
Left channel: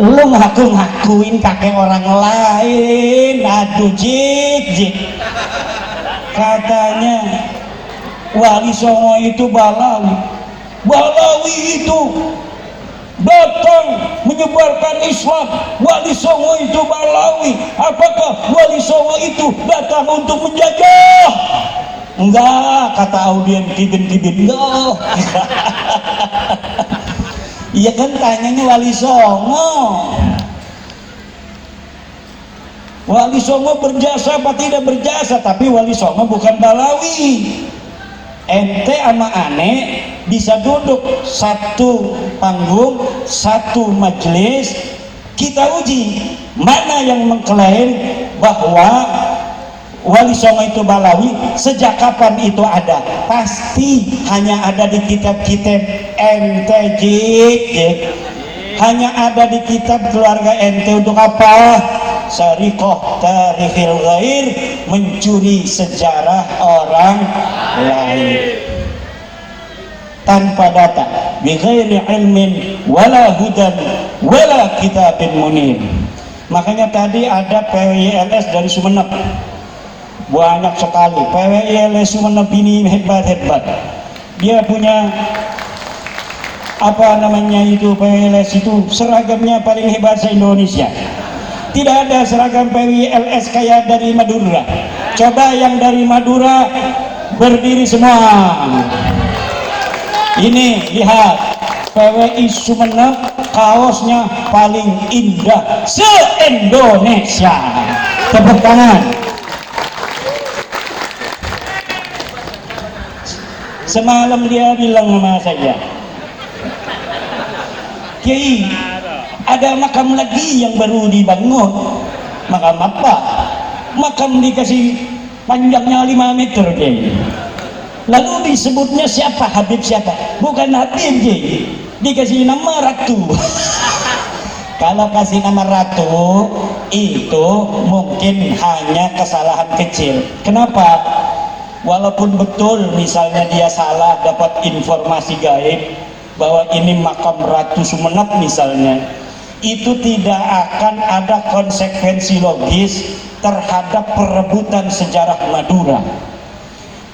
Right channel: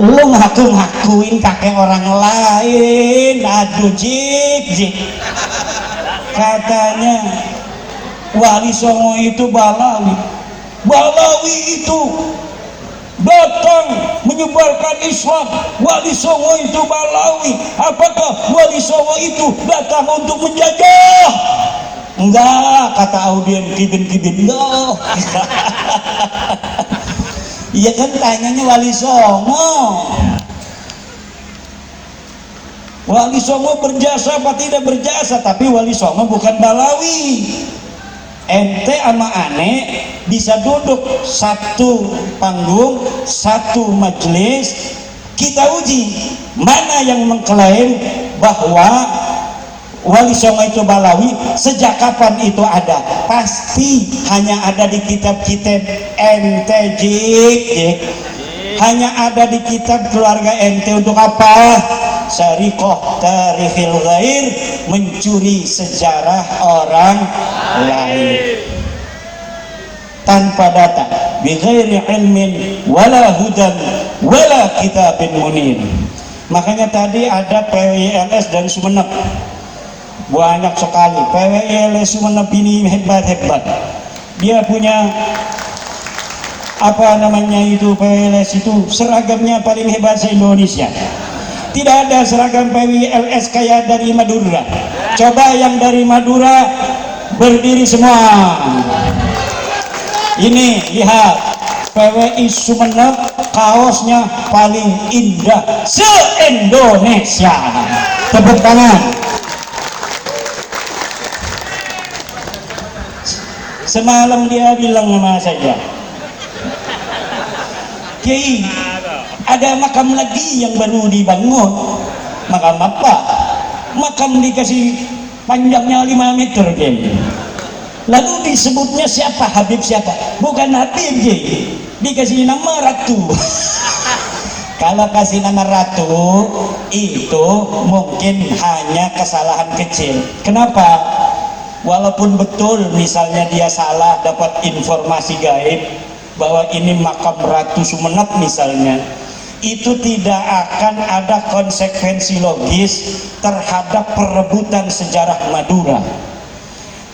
Lu ngaku-ngakuin kakek orang lain, aduh jik. Katanya Wali Songo itu Balawi itu datang menyebarkan Islam. Wali Songo itu Balawi. Apakah Wali Songo itu datang untuk menjajah? Enggak, kata audien kibin enggak. Iya kan, tanyanya Wali Songo. Wali Songo berjasa apa tidak berjasa? Tapi Wali Songo bukan Balawi. Ente sama aneh bisa duduk satu panggung, satu majelis, kita uji mana yang mengklaim bahwa Wali Songo itu Balawi, sejak kapan itu ada? Pasti hanya ada di kitab-kitab ente, jik. Hanya ada di kitab keluarga ente. Untuk apa? Syarikoh tarihil ghair, mencuri sejarah orang lain tanpa data, bighairi ilmin wala hudan wala kitabin munir. Makanya tadi ada PWILS dari Sumeneb, banyak sekali PWILS Sumeneb ini, hebat. Dia punya apa namanya itu, PWILS itu seragamnya paling hebat se-Indonesia. Tidak ada seragam PWILS kayak dari Madura. Coba yang dari Madura berdiri semua. Ini lihat, PWI Sumeneb kaosnya paling indah se-Indonesia. Tepuk tangan. Semalam dia bilang sama saya, Kiai, ada makam lagi yang baru dibangun. Makam apa? Makam dikasih panjangnya 5 meter, Kiai. Lalu disebutnya siapa? Habib siapa? Bukan Habib, Kiai. Dikasih nama Ratu. Kalau kasih nama Ratu itu mungkin hanya kesalahan kecil. Kenapa? Walaupun betul misalnya dia salah dapat informasi gaib bahwa ini makam Ratu Sumeneb misalnya, itu tidak akan ada konsekuensi logis terhadap perebutan sejarah Madura.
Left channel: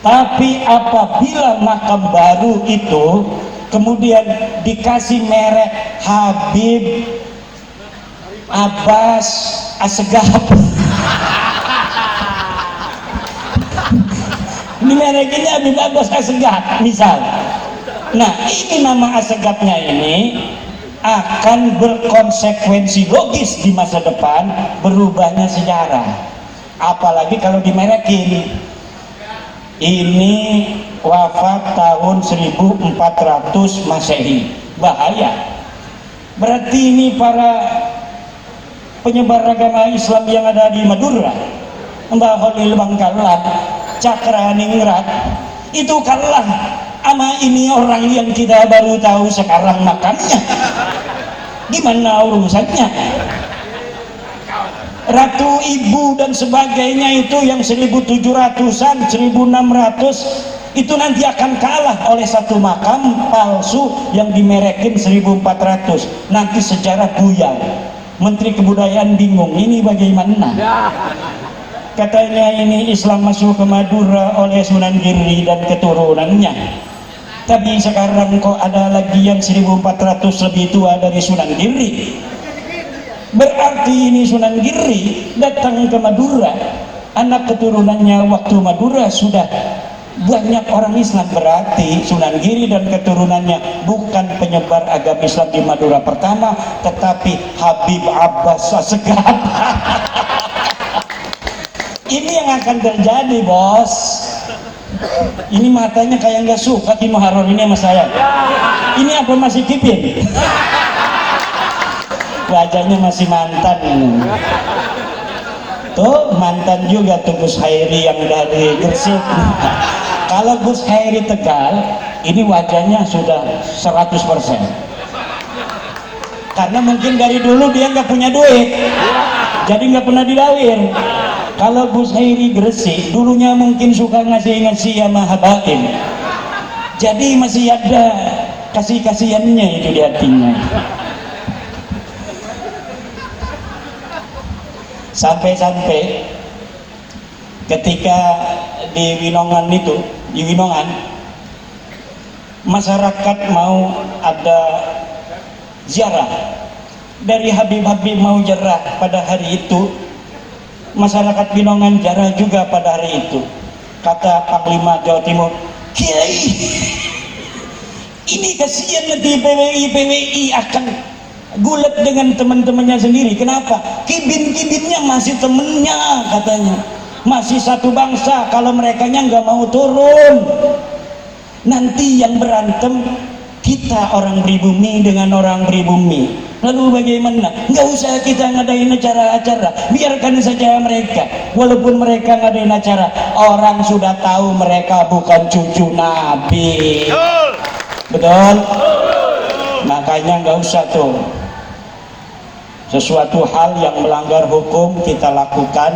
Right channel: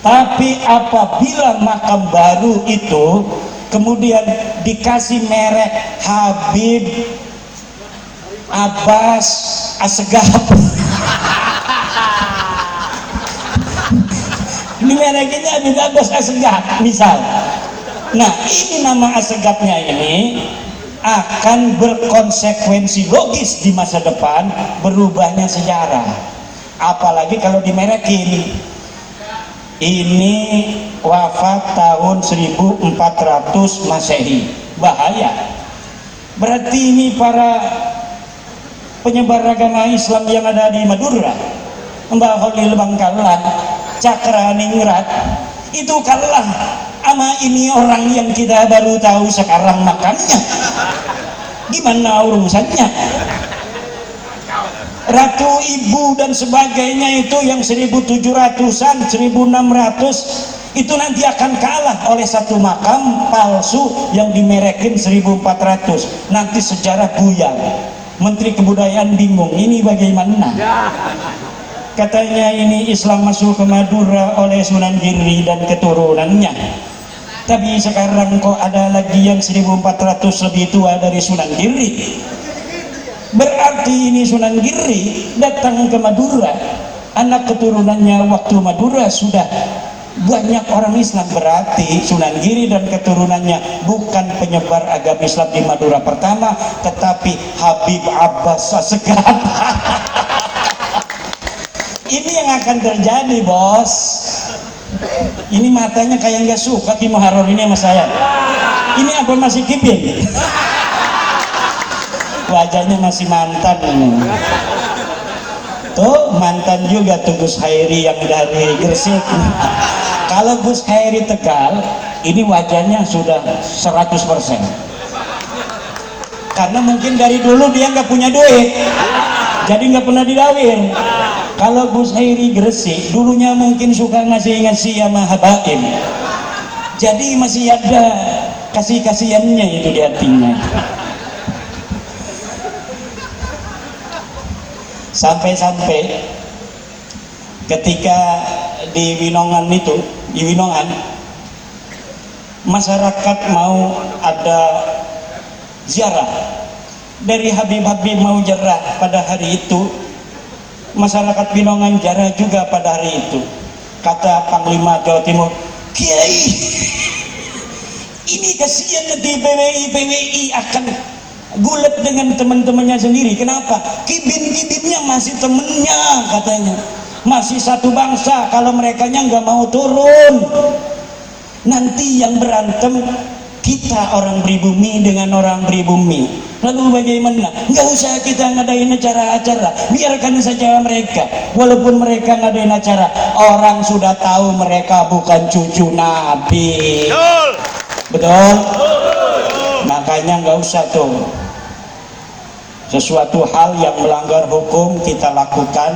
Tapi apabila makam baru itu kemudian dikasih merek Habib Abbas Assegaf, ini mereknya Habib Abbas Assegaf misal. Nah, ini nama Assegafnya ini akan berkonsekuensi logis di masa depan berubahnya sejarah. Apalagi kalau dimerekin. Ini wafat tahun 1400 Masehi. Bahaya. Berarti ini para penyebar agama Islam yang ada di Madura, Mbak Khalil Bangkalan, Cakraningrat, itu kalah sama ini orang yang kita baru tahu sekarang makamnya. Gimana urusannya? Ratu Ibu dan sebagainya itu yang 1700-an, 1600 itu nanti akan kalah oleh satu makam palsu yang dimerekin 1400. Nanti sejarah buyar. Menteri Kebudayaan bingung, ini bagaimana? Katanya ini Islam masuk ke Madura oleh Sunan Giri dan keturunannya. Tapi sekarang kok ada lagi yang 1400 lebih tua dari Sunan Giri. Berarti ini Sunan Giri datang ke Madura, anak keturunannya waktu Madura sudah banyak orang Islam. Berarti Sunan Giri dan keturunannya bukan penyebar agama Islam di Madura pertama, tetapi Habib Abbas Assegaf. Ini yang akan terjadi, bos. Ini matanya kayak nggak suka Ki Muharram ini sama saya. Ini apa masih kipin? Wajahnya masih mantan. Tuh mantan juga tuh Gus Hairi yang dari Gresik. Kalau Gus Hairi Tegal, ini wajahnya sudah 100%. Karena mungkin dari dulu dia nggak punya duit, jadi nggak pernah dilalir. Kalau Gus Hairi Gresik, dulunya mungkin suka ngasih-ngasih sama habaib, jadi masih ada kasih-kasihannya itu di hatinya. Sampai-sampai ketika di Winongan itu, di Winongan, masyarakat mau ada ziarah dari Habib-Habib mau ziarah pada hari itu, masyarakat Winongan ziarah juga pada hari itu. Kata Panglima Jawa Timur, Kiai, ini kasihan nanti PWI akan gulat dengan teman-temannya sendiri. Kenapa? Kibin-kibinnya masih temennya, katanya masih satu bangsa. Kalau mereka nggak mau turun, nanti yang berantem kita orang pribumi dengan orang pribumi. Lalu bagaimana? Nggak usah kita ngadain acara-acara, biarkan saja mereka. Walaupun mereka ngadain acara, orang sudah tahu mereka bukan cucu Nabi. Betul? Makanya nggak usah tuh sesuatu hal yang melanggar hukum kita lakukan,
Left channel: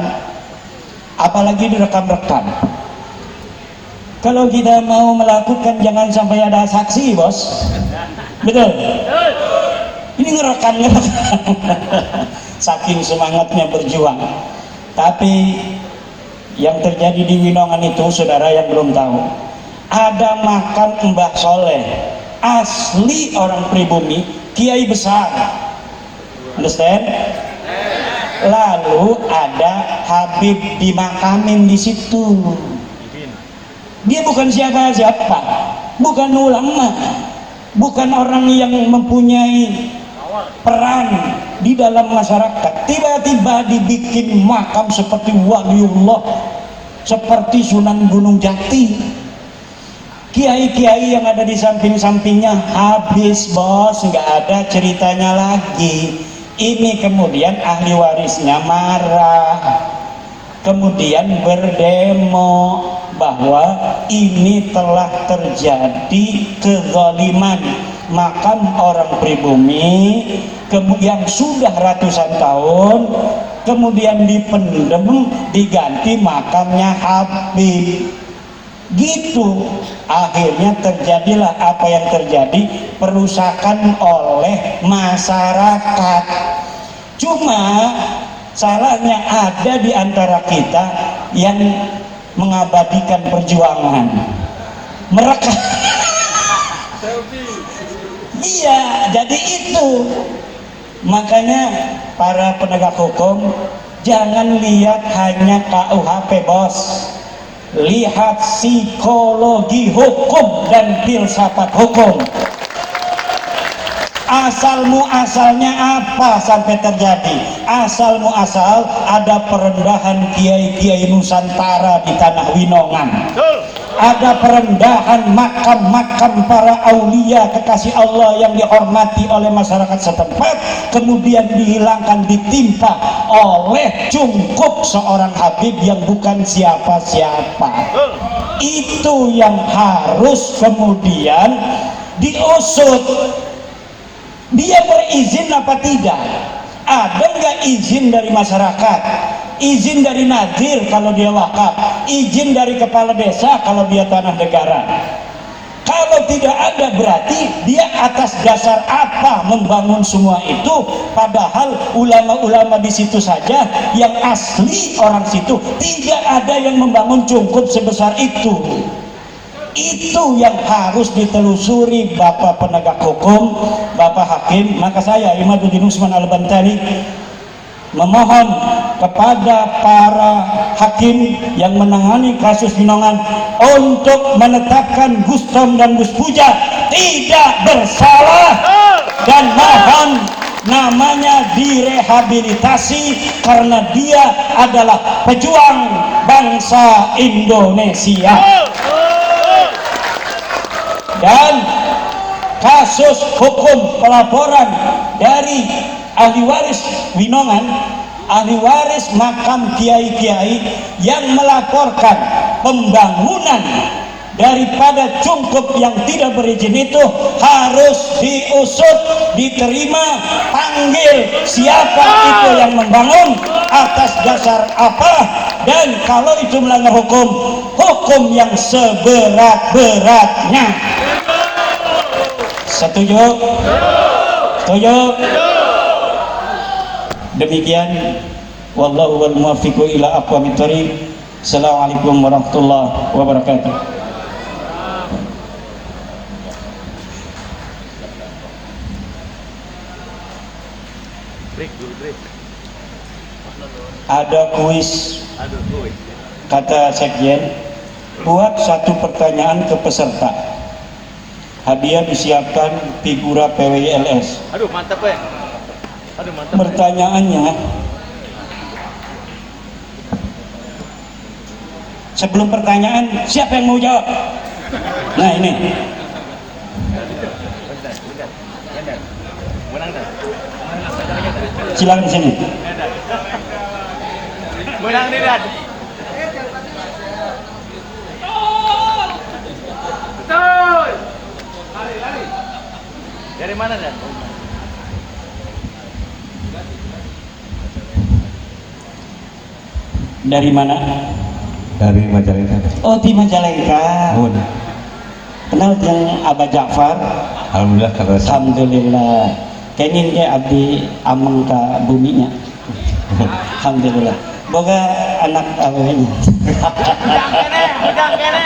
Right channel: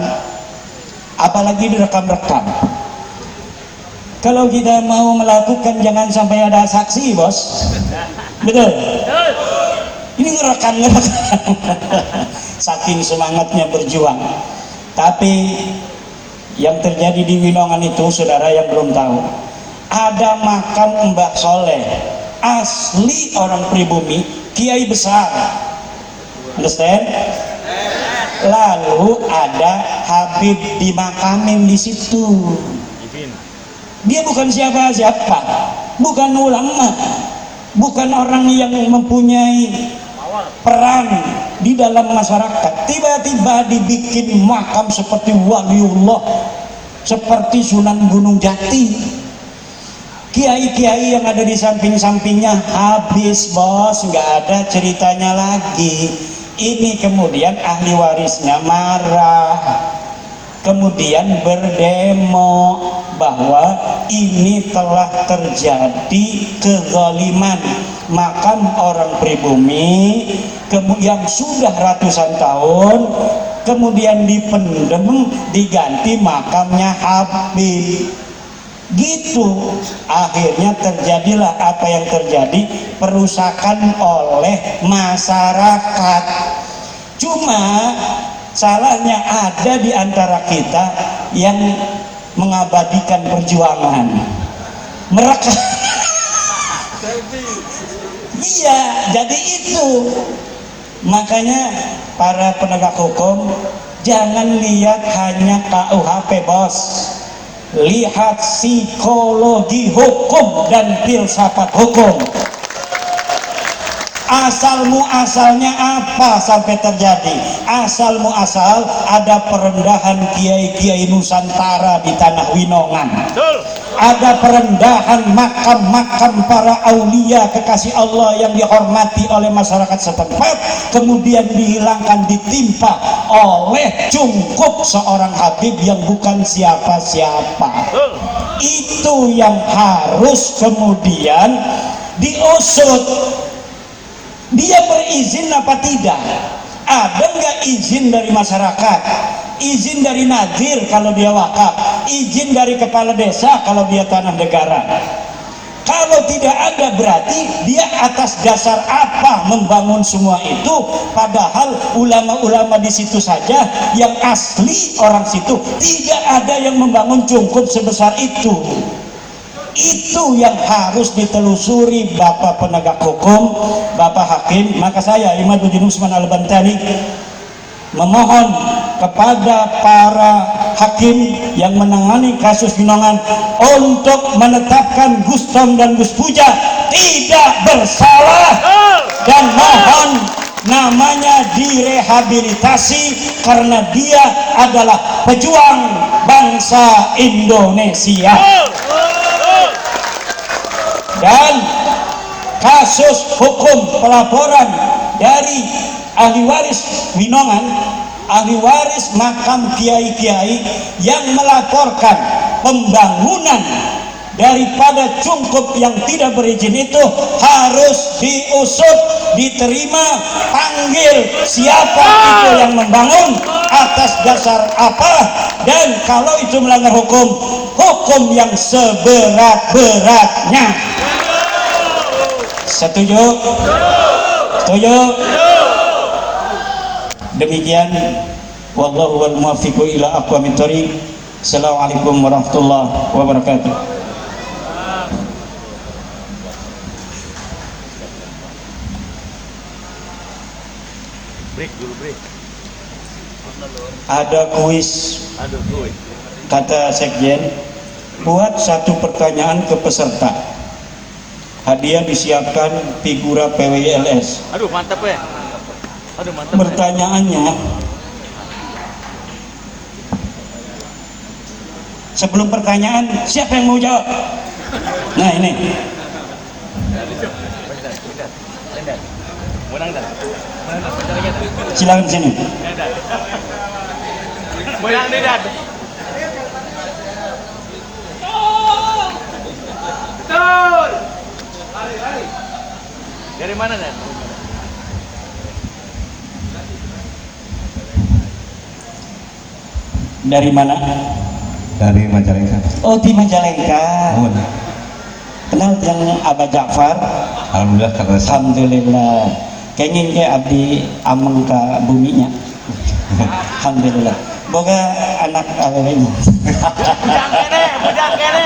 apalagi direkam-rekam. Kalau kita mau melakukan, jangan sampai ada saksi, bos. Betul? Ini ngerekam saking semangatnya berjuang. Tapi yang terjadi di Winongan itu, saudara yang belum tahu, ada makam Mbah Soleh, asli orang pribumi, kiai besar. Understand? Lalu ada Habib dimakamin di situ. Dia bukan siapa-siapa, bukan ulama, bukan orang yang mempunyai peran di dalam masyarakat. Tiba-tiba dibikin makam seperti waliullah, seperti Sunan Gunung Jati. Kiai-kiai yang ada di samping-sampingnya habis, bos, nggak ada ceritanya lagi. Ini kemudian ahli warisnya marah, kemudian berdemo bahwa ini telah terjadi kezaliman makam orang pribumi kemudian sudah ratusan tahun, kemudian dipendem, diganti makamnya Habib. Gitu akhirnya terjadilah apa yang terjadi, perusakan oleh masyarakat. Cuma salahnya ada di antara kita yang mengabadikan perjuangan mereka. Iya, jadi itu makanya para penegak hukum jangan lihat hanya KUHP, bos, lihat psikologi hukum dan filsafat hukum. Asal muasalnya apa sampai terjadi? Asal muasal ada perendahan kiai-kiai Nusantara di tanah Winongan. Ada perendahan makam-makam para aulia kekasih Allah yang dihormati oleh masyarakat setempat, kemudian dihilangkan, ditimpa oleh cungkup seorang Habib yang bukan siapa-siapa. Itu yang harus kemudian diusut. Dia berizin apa tidak? Ada nggak izin dari masyarakat? Izin dari Nadir kalau dia wakaf, izin dari kepala desa kalau dia tanah negara. Kalau tidak ada, berarti dia atas dasar apa membangun semua itu? Padahal ulama-ulama di situ saja yang asli orang situ tidak ada yang membangun cungkup sebesar itu. Itu yang harus ditelusuri Bapak penegak hukum, Bapak hakim. Maka saya Imaduddin Usman Al-Bantani memohon kepada para hakim yang menangani kasus Winongan untuk menetapkan Gus Tom dan Gus Puja tidak bersalah dan mohon namanya direhabilitasi karena dia adalah pejuang bangsa Indonesia. Dan kasus hukum pelaporan dari ahli waris Winongan, ahli waris makam kiai-kiai yang melaporkan pembangunan daripada cungkup yang tidak berizin itu harus diusut, diterima, panggil siapa itu yang membangun, atas dasar apa, dan kalau itu melanggar hukum, hukum yang seberat-beratnya. Setuju? Setuju? Demikian, wallahu wal muwaffiqu ila aqwamit thoriq. Assalamualaikum warahmatullahi wabarakatuh. Ada kuis, kata Sekjen, buat satu pertanyaan ke peserta. Hadiah disiapkan figura PWILS. Aduh mantap ya. Aduh mantap. Pertanyaannya, sebelum pertanyaan siapa yang mau jawab? Nah ini. Silakan di sini. Goyang lihat. Betul. Dari mana kan? Dari mana? Dari Majalengka. Oh, di Majalengka. Oh, Kenal yang Abah Ja'far? alhamdulillah kata saya. Alhamdulillah. Kayaknya dia abdi amung ka buminya. Alhamdulillah. Boga anak awalnya. Bujang kene.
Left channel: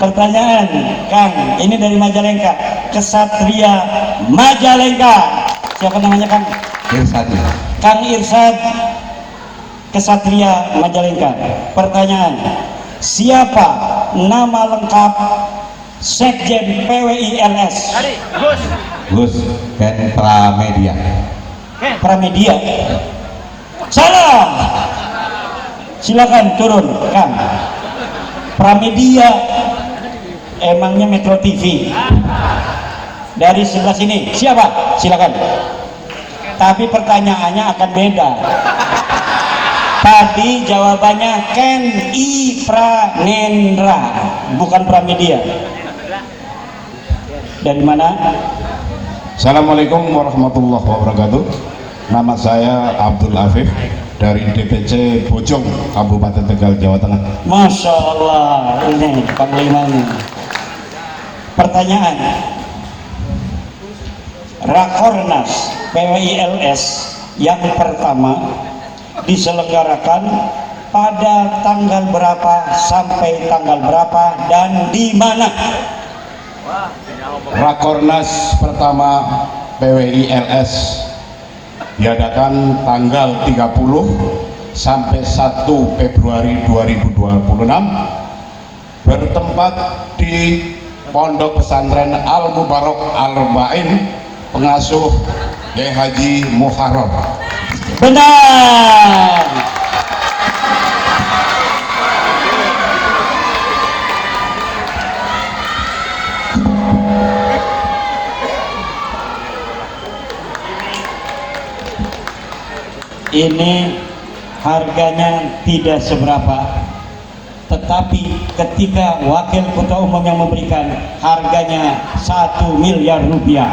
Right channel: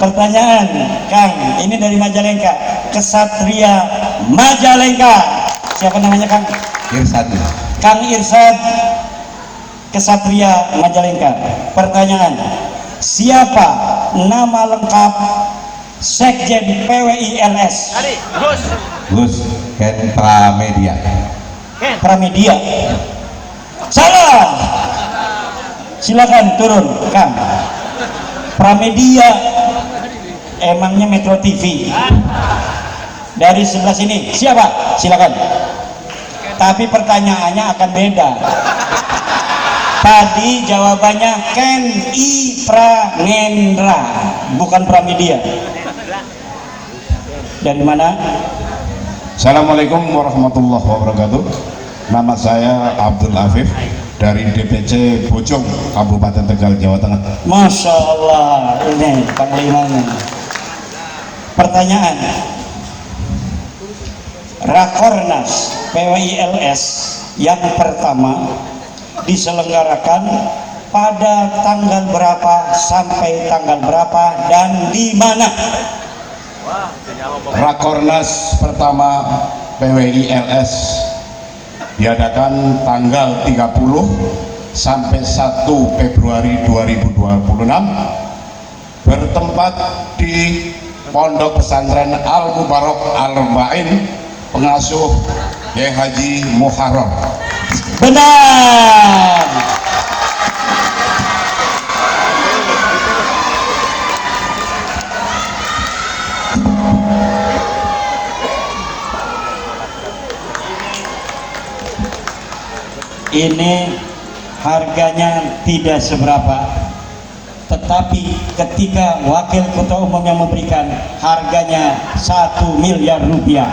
Pertanyaan, Kang, ini dari Majalengka. Kesatria Majalengka. Siapa namanya, Kang? Irsan. Kang Irsyad, Kesatria Majalengka. Pertanyaan, siapa nama lengkap Sekjen PWILS? Hari, Gus. Gus Ken Pramedia. Pramedia. Salah. Silakan turun, Kang. Pramedia emangnya Metro TV. Dari sebelah sini siapa? Silakan. Tapi pertanyaannya akan beda. Tadi jawabannya Ken I Pranendra, bukan Pramedia. Dari mana? Assalamualaikum warahmatullahi wabarakatuh. Nama saya Abdul Afif dari DPC Bojong, Kabupaten Tegal, Jawa Tengah. Masya Allah, ini panglimanya. Pertanyaan, Rakornas PWILS yang pertama diselenggarakan pada tanggal berapa sampai tanggal berapa dan di mana? Rakornas pertama PWILS diadakan tanggal 30 sampai 1 Februari 2026 bertempat di Pondok Pesantren Al Mubarak Al Arba'in, pengasuh Kiai Haji Muharram. Benar. Ini harganya tidak seberapa, tetapi ketika wakil ketua umum yang memberikan, harganya 1 miliar rupiah.